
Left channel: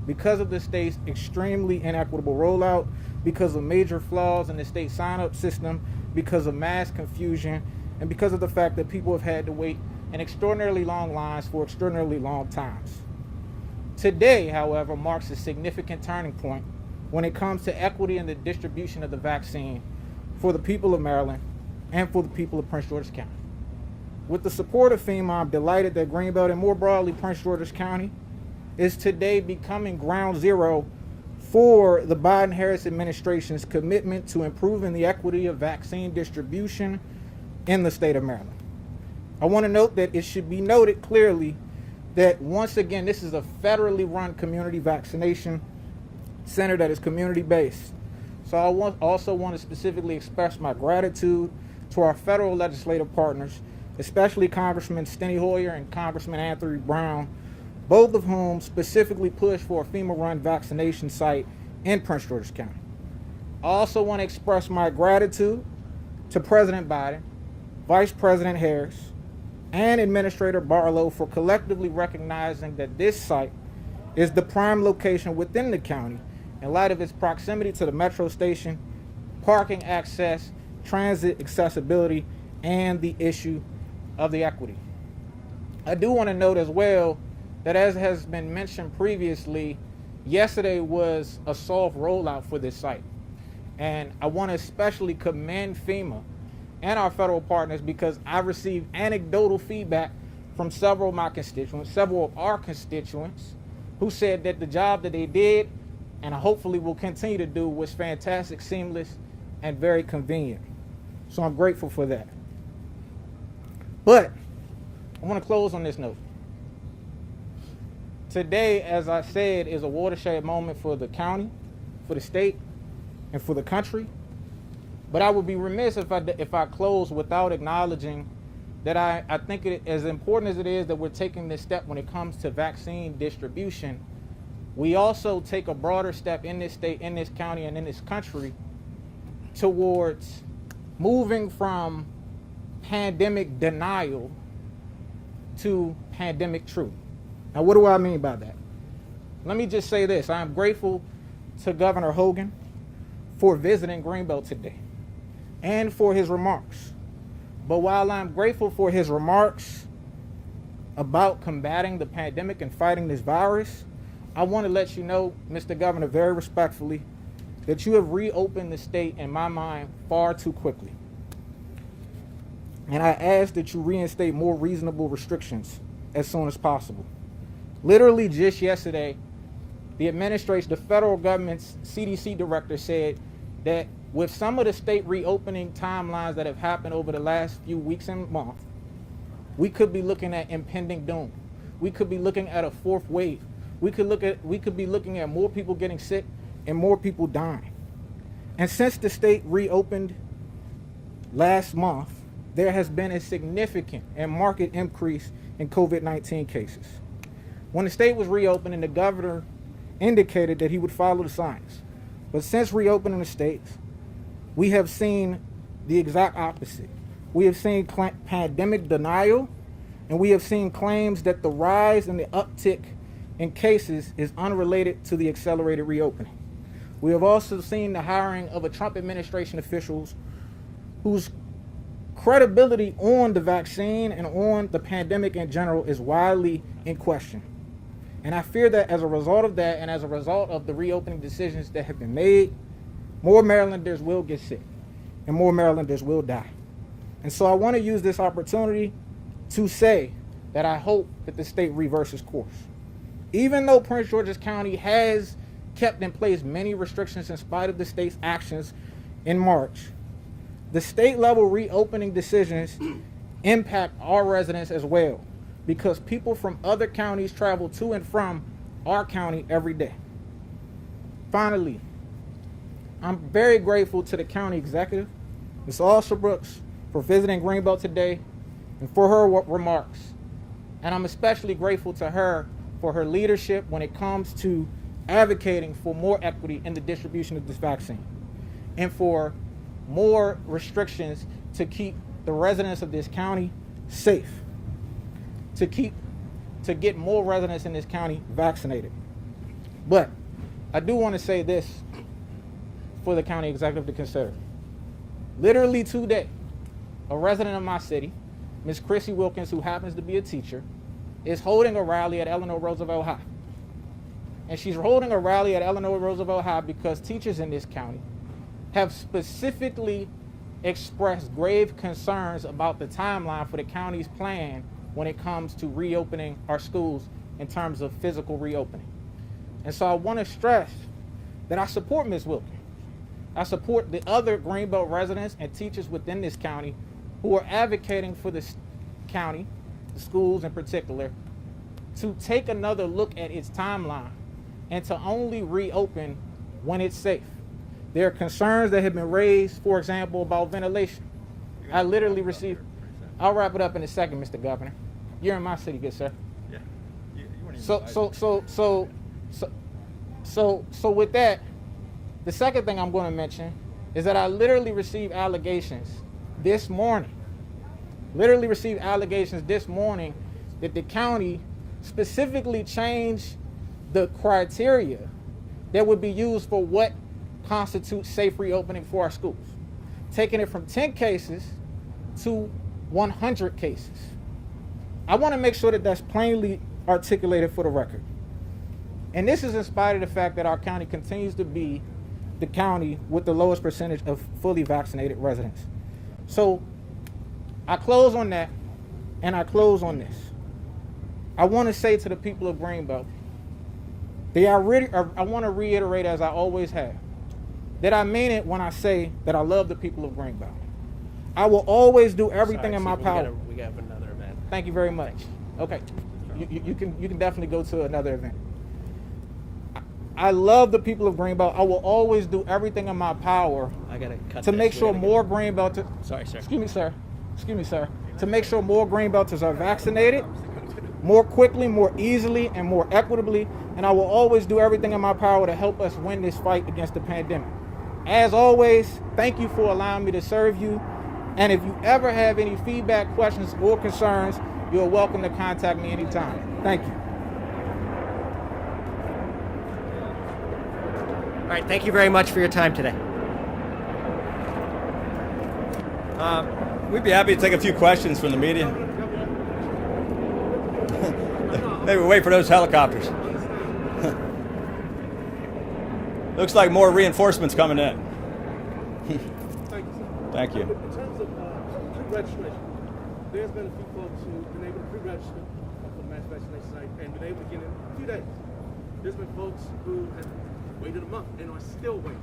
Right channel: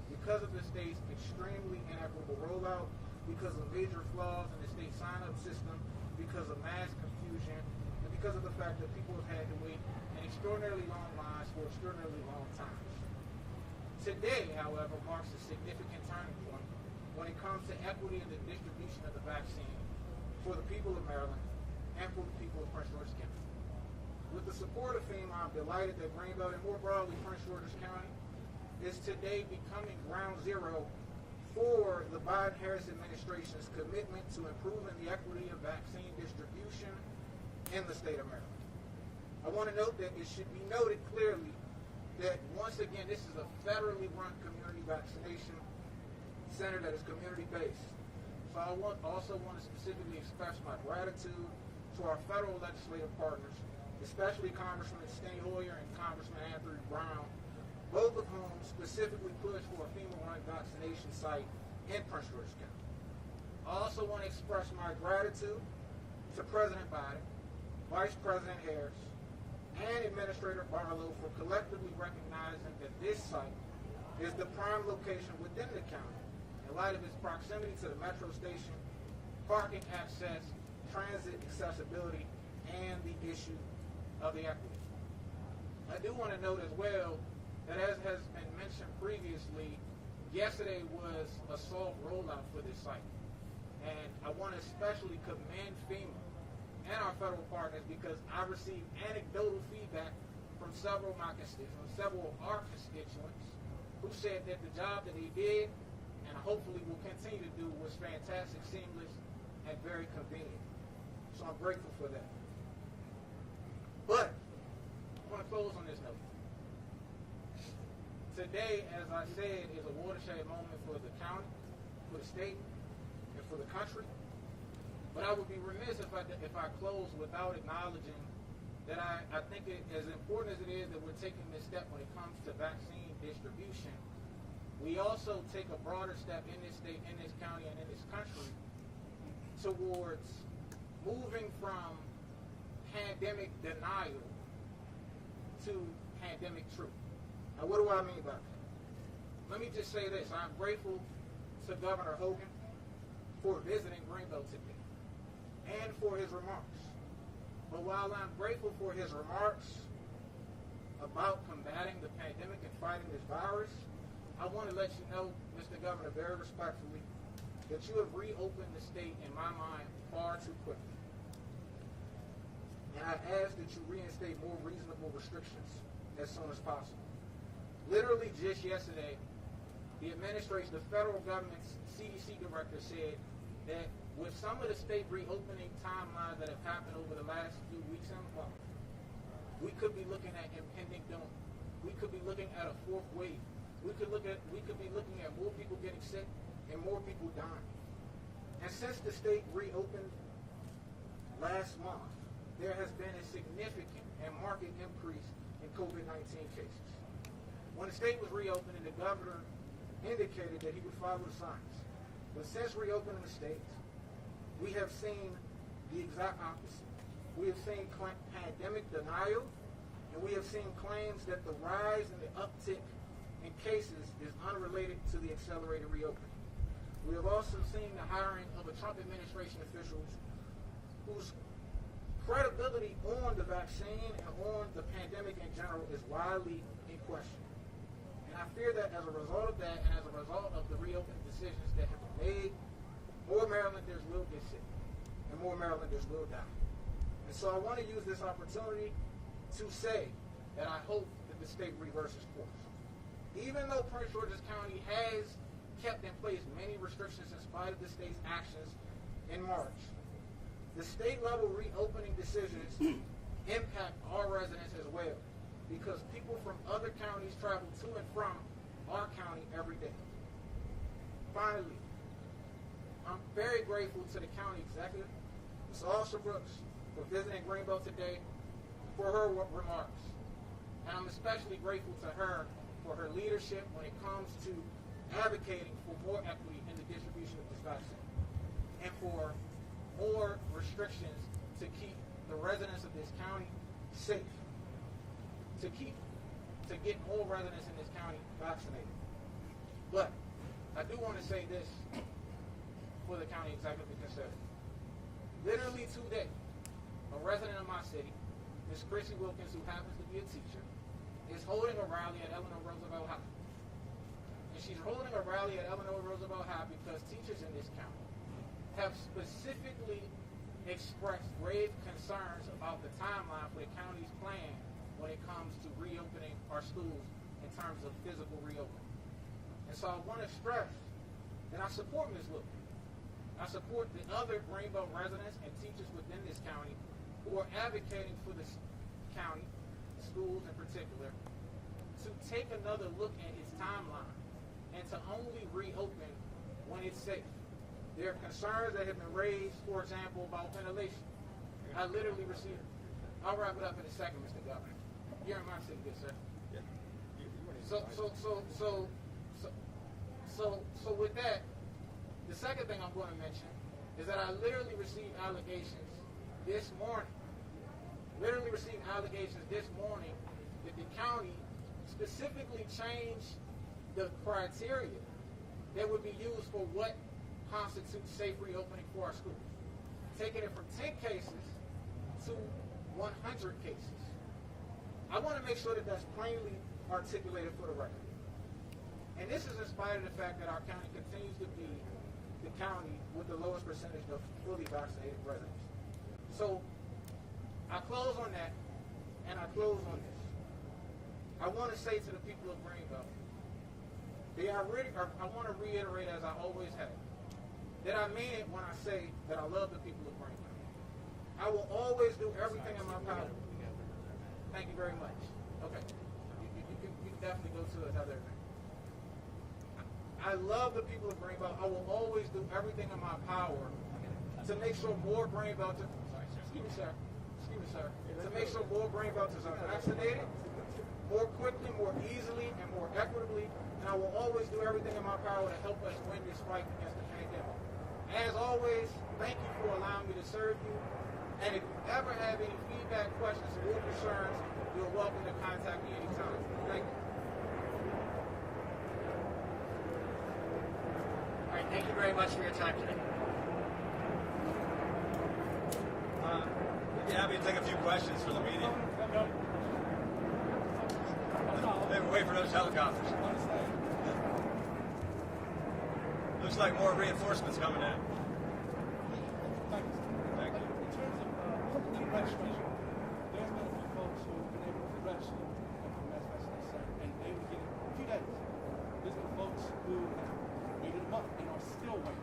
because of the state's extremely inequitable rollout, because of major flaws in the state sign-up system, because of mass confusion, and because of the fact that people have had to wait in extraordinarily long lines for extraordinarily long times. Today, however, marks a significant turning point when it comes to equity in the distribution of the vaccine for the people of Maryland and for the people of Prince George's County. With the support of FEMA, I'm delighted that Greenbelt and more broadly Prince George's County is today becoming ground zero for the Biden-Harris administration's commitment to improving the equity of vaccine distribution in the state of Maryland. I want to note that it should be noted clearly that once again, this is a federally run community vaccination center that is community-based. So I also want to specifically express my gratitude to our federal legislative partners, especially Congressman Steny Hoyer and Congressman Anthony Brown, both of whom specifically pushed for a FEMA-run vaccination site in Prince George's County. I also want to express my gratitude to President Biden, Vice President Harris, and Administrator Barlow for collectively recognizing that this site is the prime location within the county in light of its proximity to the metro station, parking access, transit accessibility, and the issue of the equity. I do want to note as well that, as has been mentioned previously, yesterday was a soft rollout for this site. And I want to especially commend FEMA and our federal partners because I received anecdotal feedback from several of my constituents, several of our constituents, who said that the job that they did, and hopefully will continue to do, was fantastic, seamless, and very convenient. So I'm grateful for that. But I want to close on this note. Today, as I said, is a watershed moment for the county, for the state, and for the country. But I would be remiss if I close without acknowledging that I think as important as it is that we're taking this step when it comes to vaccine distribution, we also take a broader step in this state, in this county, and in this country towards moving from pandemic denial to pandemic truth. Now, what do I mean by that? Let me just say this. I am grateful to Governor Hogan for visiting Greenbelt today and for his remarks. But while I'm grateful for his remarks about combating the pandemic and fighting this virus, I want to let you know, Mr. Governor, very respectfully, that you have reopened the state, in my mind, far too quickly. And I ask that you reinstate more reasonable restrictions as soon as possible. Literally just yesterday, the administration, the federal government's CDC director said that with some of the state reopening timelines that have happened over the last few weeks and months, we could be looking at impending doom. We could be looking at a fourth wave. We could be looking at more people getting sick and more people dying. And since the state reopened last month, there has been a significant and marked increase in COVID-19 cases. When the state was reopening, the governor indicated that he would follow the science. But since reopening the states, we have seen the exact opposite. We have seen pandemic denial, and we have seen claims that the rise and the uptick in cases is unrelated to the accelerated reopening. We have also seen the hiring of a Trump administration officials whose credibility on the vaccine and on the pandemic in general is widely in question. And I fear that as a result of that and as a result of the reopening decisions that have been made, more Marylanders will get sick and more Marylanders will die. And so I want to use this opportunity to say that I hope that the state reverses course. Even though Prince George's County has kept in place many restrictions in spite of the state's actions in March, the state level reopening decisions impact our residents as well, because people from other counties travel to and from our county every day. Finally, I'm very grateful to the county executive, Ms. Alshabrooks, for visiting Greenbelt today and for her remarks. And I'm especially grateful to her for her leadership when it comes to advocating for more equity in the distribution of this vaccine and for more restrictions to keep the residents of this county safe, to get more residents in this county vaccinated. But I do want to say this for the county executive to consider. Literally today, a resident of my city, Ms. Chrissy Wilkins, who happens to be a teacher, is holding a rally at Eleanor Roosevelt High. And she's holding a rally at Eleanor Roosevelt High because teachers in this county have specifically expressed grave concerns about the timeline for the county's plan when it comes to reopening our schools in terms of physical reopening. And so I want to stress that I support Ms. Wilkins. I support the other Greenbelt residents and teachers within this county who are advocating for this county, the schools in particular, to take another look at its timeline and to only reopen when it's safe. There are concerns that have been raised, for example, about ventilation. I literally received, I'll wrap it up in a second, Mr. Governor. You're in my city, good sir. Yeah. So with that, the second thing I'm going to mention is that I literally received allegations this morning. That the county specifically changed the criteria that would be used for what constitutes safe reopening for our schools, taking it from 10 cases to 100 cases. I want to make sure that that's plainly articulated for the record. And this is in spite of the fact that our county continues to be the county with the lowest percentage of fully vaccinated residents. So I close on that, and I close on this. I want to say to the people of Greenbelt, I want to reiterate, as I always have, that I mean it when I say that I love the people of Greenbelt. I will always do everything in my power. We have another event. Thank you very much. Okay, you can definitely go to another event. I love the people of Greenbelt. I will always do everything in my power I gotta cut to this. make sure We're gonna more Greenbelt. Sorry, sir. Excuse me, sir. to make sure more Greenbelters are vaccinated more quickly, more easily, and more equitably, and I will always do everything in my power to help us win this fight against the pandemic. As always, thank you for allowing me to serve you, and if you ever have any feedback, questions, or concerns, you're welcome to contact me anytime. Thank you. All right, thank you very much for your time today. We'd be happy to take a few questions from the media. Hey, we'll wait for those helicopters. Looks like more reinforcements coming in. Thank you. In terms of pre-registration, there's been a few folks who've been able to pre-register for the mass vaccination site and been able to get in a few days. There's been folks who have waited a month and are still waiting.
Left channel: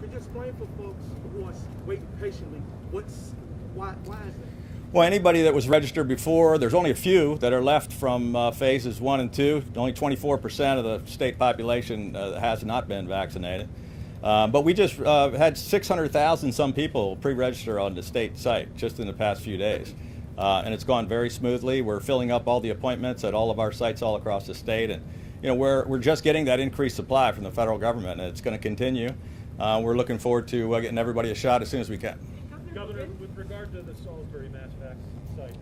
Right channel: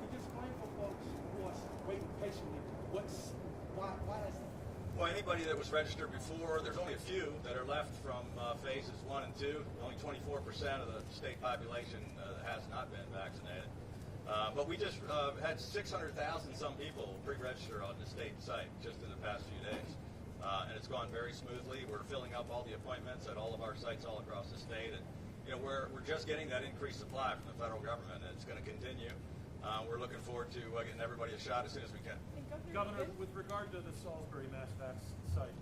Could you explain for folks who are waiting patiently why is that? Well, anybody that was registered before, there's only a few that are left from phases 1 and 2. Only 24% of the state population has not been vaccinated. But we just had 600,000 some people pre-register on the state site just in the past few days. And it's gone very smoothly. We're filling up all the appointments at all of our sites all across the state. And we're just getting that increased supply from the federal government, and it's going to continue. We're looking forward to getting everybody a shot as soon as we can. Governor, with regard to the Salisbury mass vaccine site,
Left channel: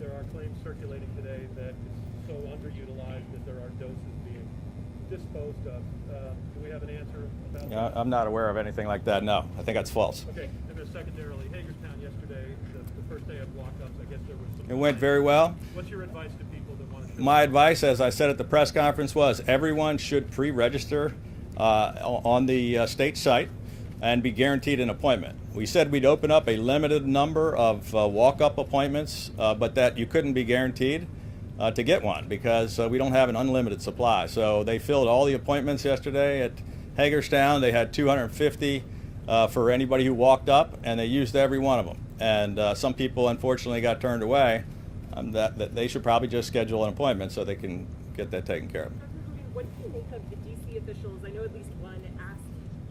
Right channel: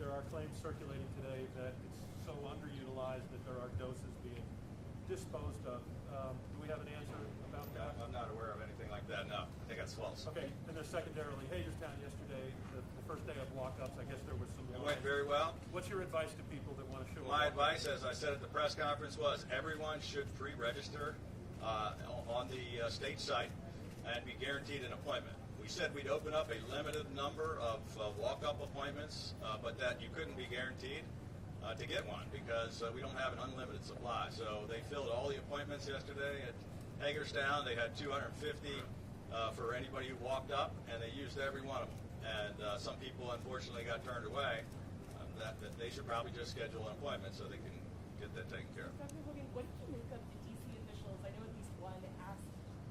there are claims circulating today that it's so underutilized that there are doses being disposed of. Do we have an answer about that? I'm not aware of anything like that, no. I think that's false. Okay, and then secondarily, Hagerstown yesterday, the first day of walk-ups, I guess there was some... It went very well. What's your advice to people that want to show... My advice, as I said at the press conference, was everyone should pre-register on the state site and be guaranteed an appointment. We said we'd open up a limited number of walk-up appointments, but that you couldn't be guaranteed to get one because we don't have an unlimited supply. So they filled all the appointments yesterday at Hagerstown. They had 250 for anybody who walked up, and they used every one of them. And some people, unfortunately, got turned away. That they should probably just schedule an appointment so they can get that taken care of. Dr. Hogan, what do you make of the DC officials? I know at least one asked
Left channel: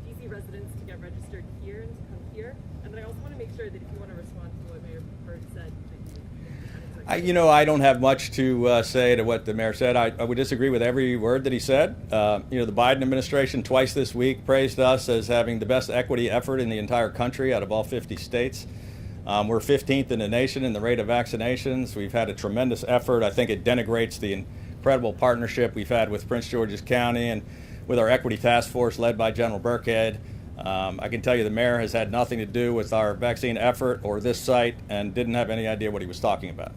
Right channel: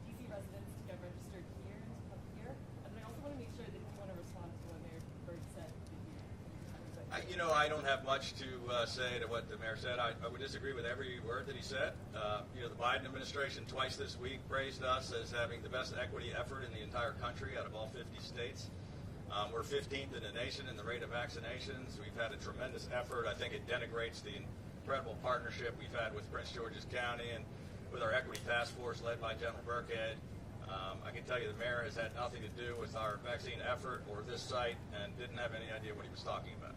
DC residents to get registered here and to come here. And then I also want to make sure that if you want to respond to what Mayor Bird said, that you I don't have much to say to what the mayor said. I would disagree with every word that he said. The Biden administration twice this week praised us as having the best equity effort in the entire country out of all 50 states. We're 15th in the nation in the rate of vaccinations. We've had a tremendous effort. I think it denigrates the incredible partnership we've had with Prince George's County and with our equity task force led by General Burkhead. I can tell you the mayor has had nothing to do with our vaccine effort or this site and didn't have any idea what he was talking about.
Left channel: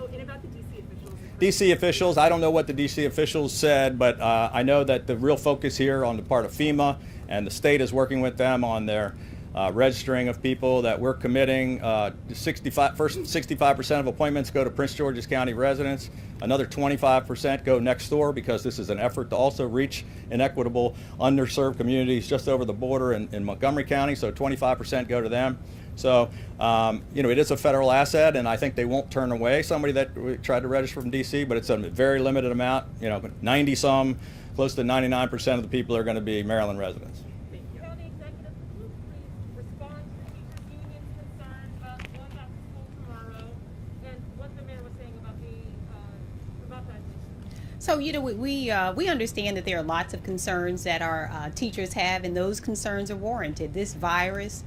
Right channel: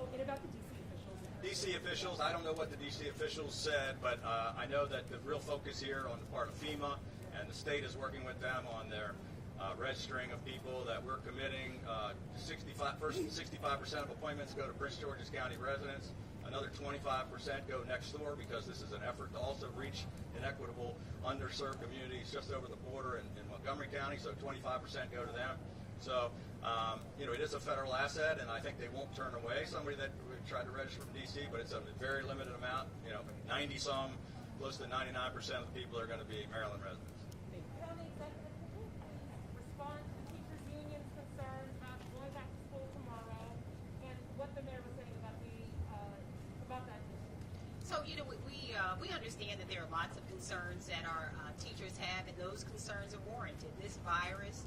Oh, and about the DC officials? DC officials, I don't know what the DC officials said, but I know that the real focus here on the part of FEMA, and the state is working with them on their registering of people, that we're committing 65% of appointments go to Prince George's County residents. Another 25% go next door because this is an effort to also reach inequitable, underserved communities just over the border in Montgomery County, so 25% go to them. So, it is a federal asset, and I think they won't turn away somebody that tried to register from DC, but it's a very limited amount. 90-some, close to 99% of the people are going to be Maryland residents. County Executive, could you please respond to the teachers' union's concern about going back to school tomorrow and what the mayor was saying about that? So, we understand that there are lots of concerns that our teachers have, and those concerns are warranted. This virus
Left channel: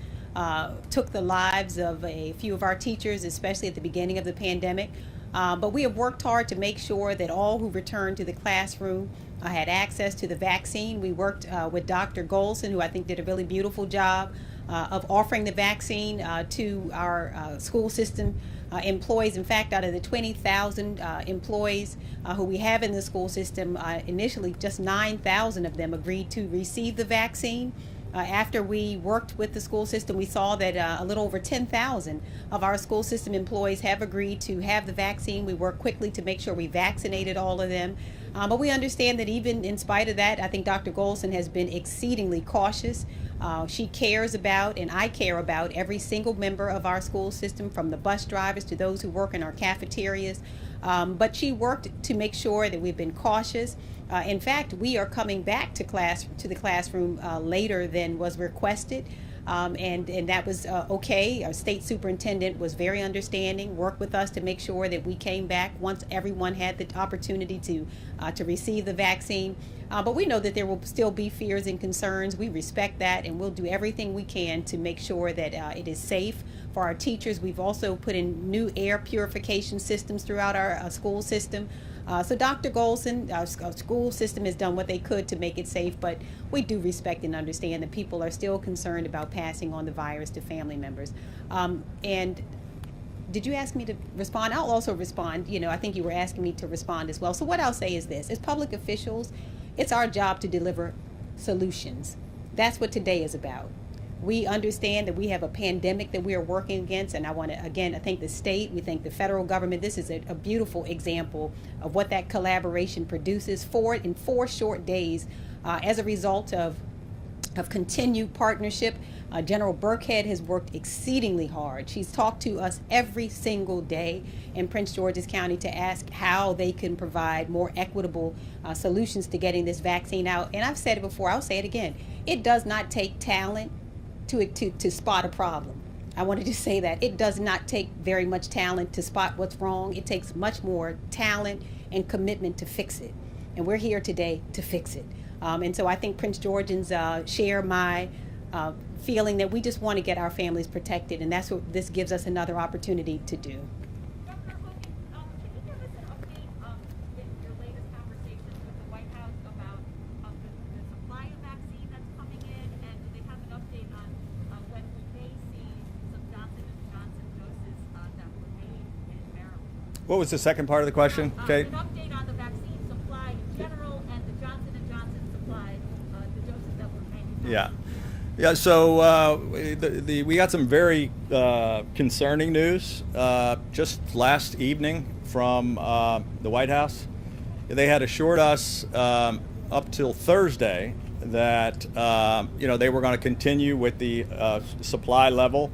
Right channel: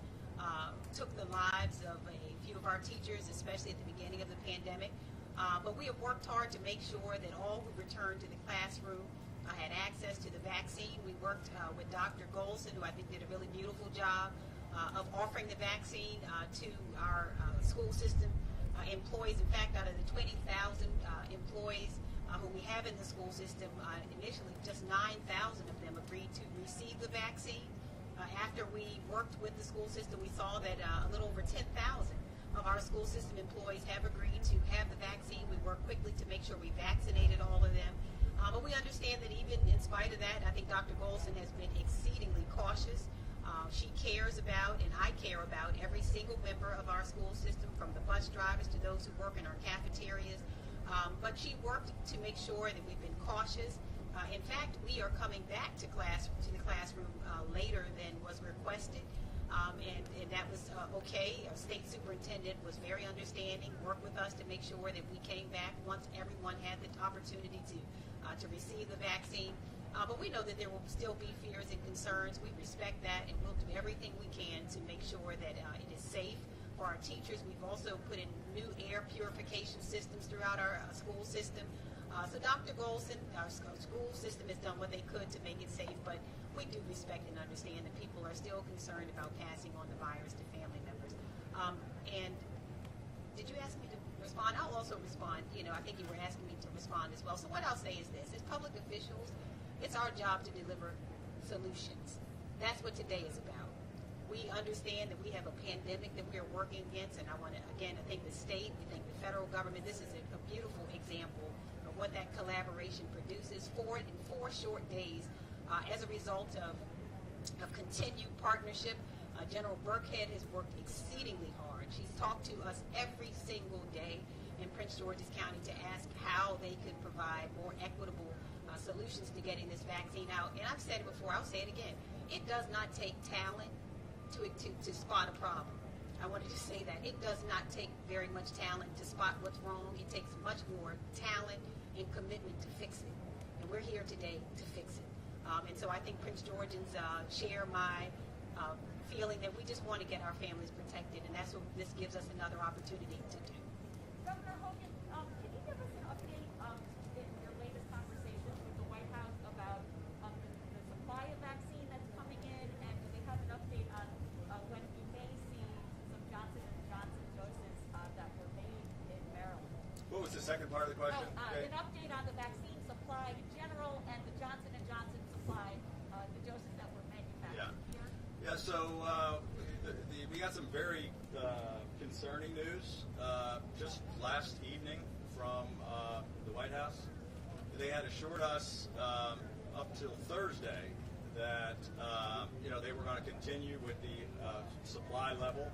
took the lives of a few of our teachers, especially at the beginning of the pandemic. But we have worked hard to make sure that all who returned to the classroom had access to the vaccine. We worked with Dr. Golson, who I think did a really beautiful job of offering the vaccine to our school system employees. In fact, out of the 20,000 employees who we have in the school system, initially just 9,000 of them agreed to receive the vaccine. After we worked with the school system, we saw that a little over 10,000 of our school system employees have agreed to have the vaccine. We worked quickly to make sure we vaccinated all of them. But we understand that even in spite of that, I think Dr. Golson has been exceedingly cautious. She cares about, and I care about, every single member of our school system, from the bus drivers to those who work in our cafeterias. But she worked to make sure that we've been cautious. In fact, we are coming back to the classroom later than was requested. And that was okay. Our state superintendent was very understanding, worked with us to make sure that we came back once everyone had the opportunity to receive the vaccine. But we know that there will still be fears and concerns. We respect that, and we'll do everything we can to make sure that it is safe for our teachers. We've also put in new air purification systems throughout our school system. So Dr. Golson, our school system has done what they could to make it safe, but we do respect and understand that people are still concerned about passing on the virus to family members. And did you ask me to respond? I'll also respond. You know, I think you were asking me to respond as well. So what I'll say is this: as public officials, it's our job to deliver solutions. That's what today is about. We understand that we have a pandemic that we are working against, and I want to again thank the state. We thank the federal government. This is a beautiful example of what that collaboration produces in 4 short days as a result of continued partnership. General Burkhead has worked exceedingly hard. She's talked to us every single day in Prince George's County to ask how they can provide more equitable solutions to getting this vaccine out. And I've said it before, I'll say it again. It does not take talent to spot a problem. I wanted to say that. It does not take very much talent to spot what's wrong. It takes much more talent and commitment to fix it. And we're here today to fix it. And so I think Prince Georgians share my feeling that we just want to get our families protected, and that's what this gives us another opportunity to do. Governor Hogan, can you give us an update in your latest conversations with the White House about the supply of vaccine that's coming in, and do they have an update on when we may see some Johnson & Johnson doses that were made in Maryland? What was the second part of the question, Kate? An update on the vaccine supply in general and the Johnson & Johnson supply, the doses that were manufactured. Yeah. Yeah, so we got some very concerning news just last evening from the White House. They had assured us up till Thursday that they were going to continue with the supply level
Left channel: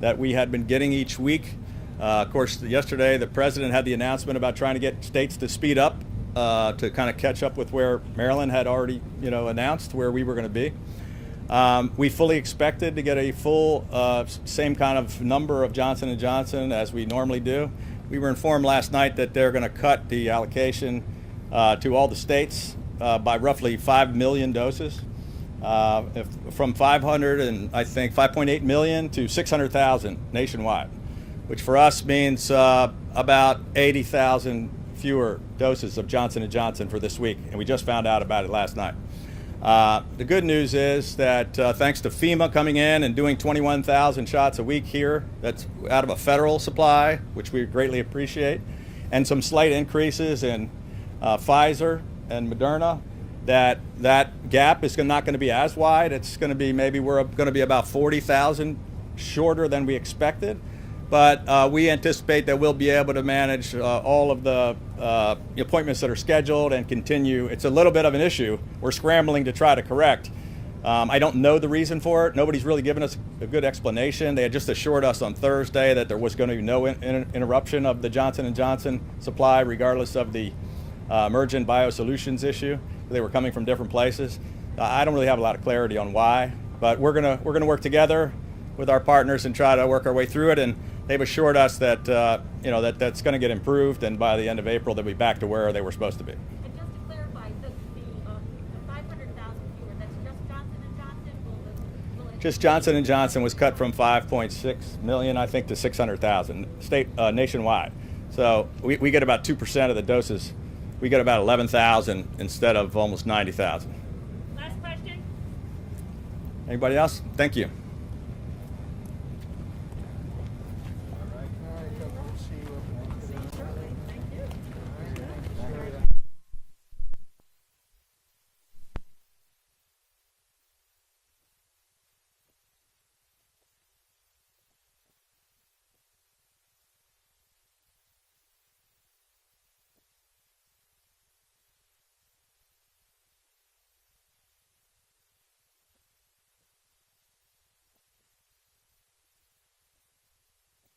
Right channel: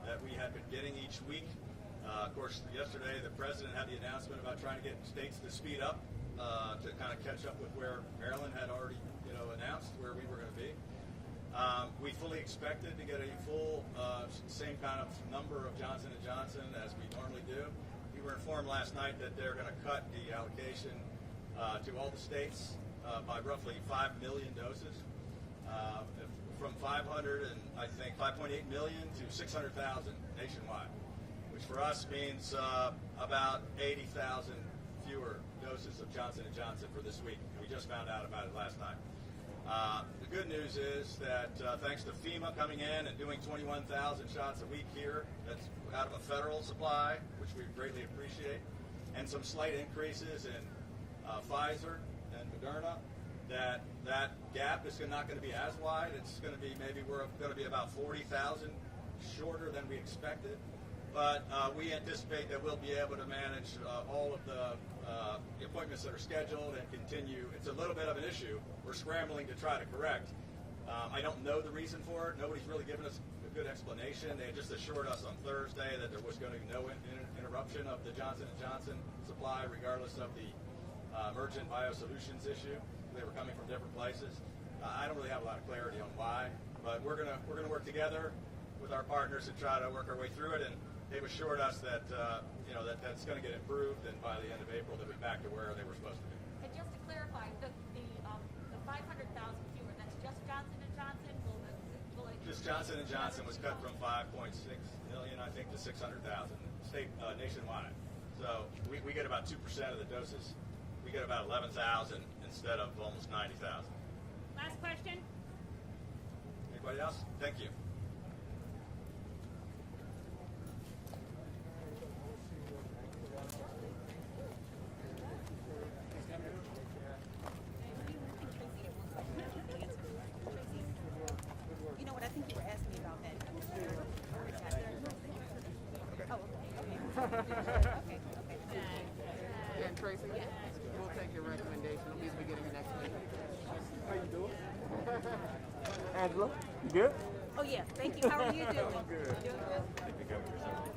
that we had been getting each week. Of course, yesterday the president had the announcement about trying to get states to speed up to kind of catch up with where Maryland had already announced where we were going to be. We fully expected to get a full same kind of number of Johnson & Johnson as we normally do. We were informed last night that they're going to cut the allocation to all the states by roughly 5 million doses, from 500 and I think 5.8 million to 600,000 nationwide, which for us means about 80,000 fewer doses of Johnson & Johnson for this week, and we just found out about it last night. The good news is that thanks to FEMA coming in and doing 21,000 shots a week here, that's out of a federal supply, which we greatly appreciate, and some slight increases in Pfizer and Moderna, that gap is not going to be as wide. It's going to be we're going to be about 40,000 shorter than we expected. But we anticipate that we'll be able to manage all of the appointments that are scheduled and continue. It's a little bit of an issue we're scrambling to try to correct. I don't know the reason for it. Nobody's really given us a good explanation. They had just assured us on Thursday that there was going to be no interruption of the Johnson & Johnson supply, regardless of the emergent biosolutions issue. They were coming from different places. I don't really have a lot of clarity on why, but we're gonna work together with our partners and try to work our way through it. And they've assured us that that's going to get improved, and by the end of April they'll be back to where they were supposed to be. And just to clarify, the 500,000 fewer, that's just Johnson & Johnson? Will it Just Johnson & Johnson was cut from 5.6 million, I think, to 600,000 nationwide. So we get about 2% of the doses. We get about 11,000 instead of almost 90,000. Last question. Anybody else? Thank you. And Tracy, we'll take your recommendation. At least we get it next week. How you doing? Angela, you good? Oh, yes. Thank you. How are you doing? Good. Doing good?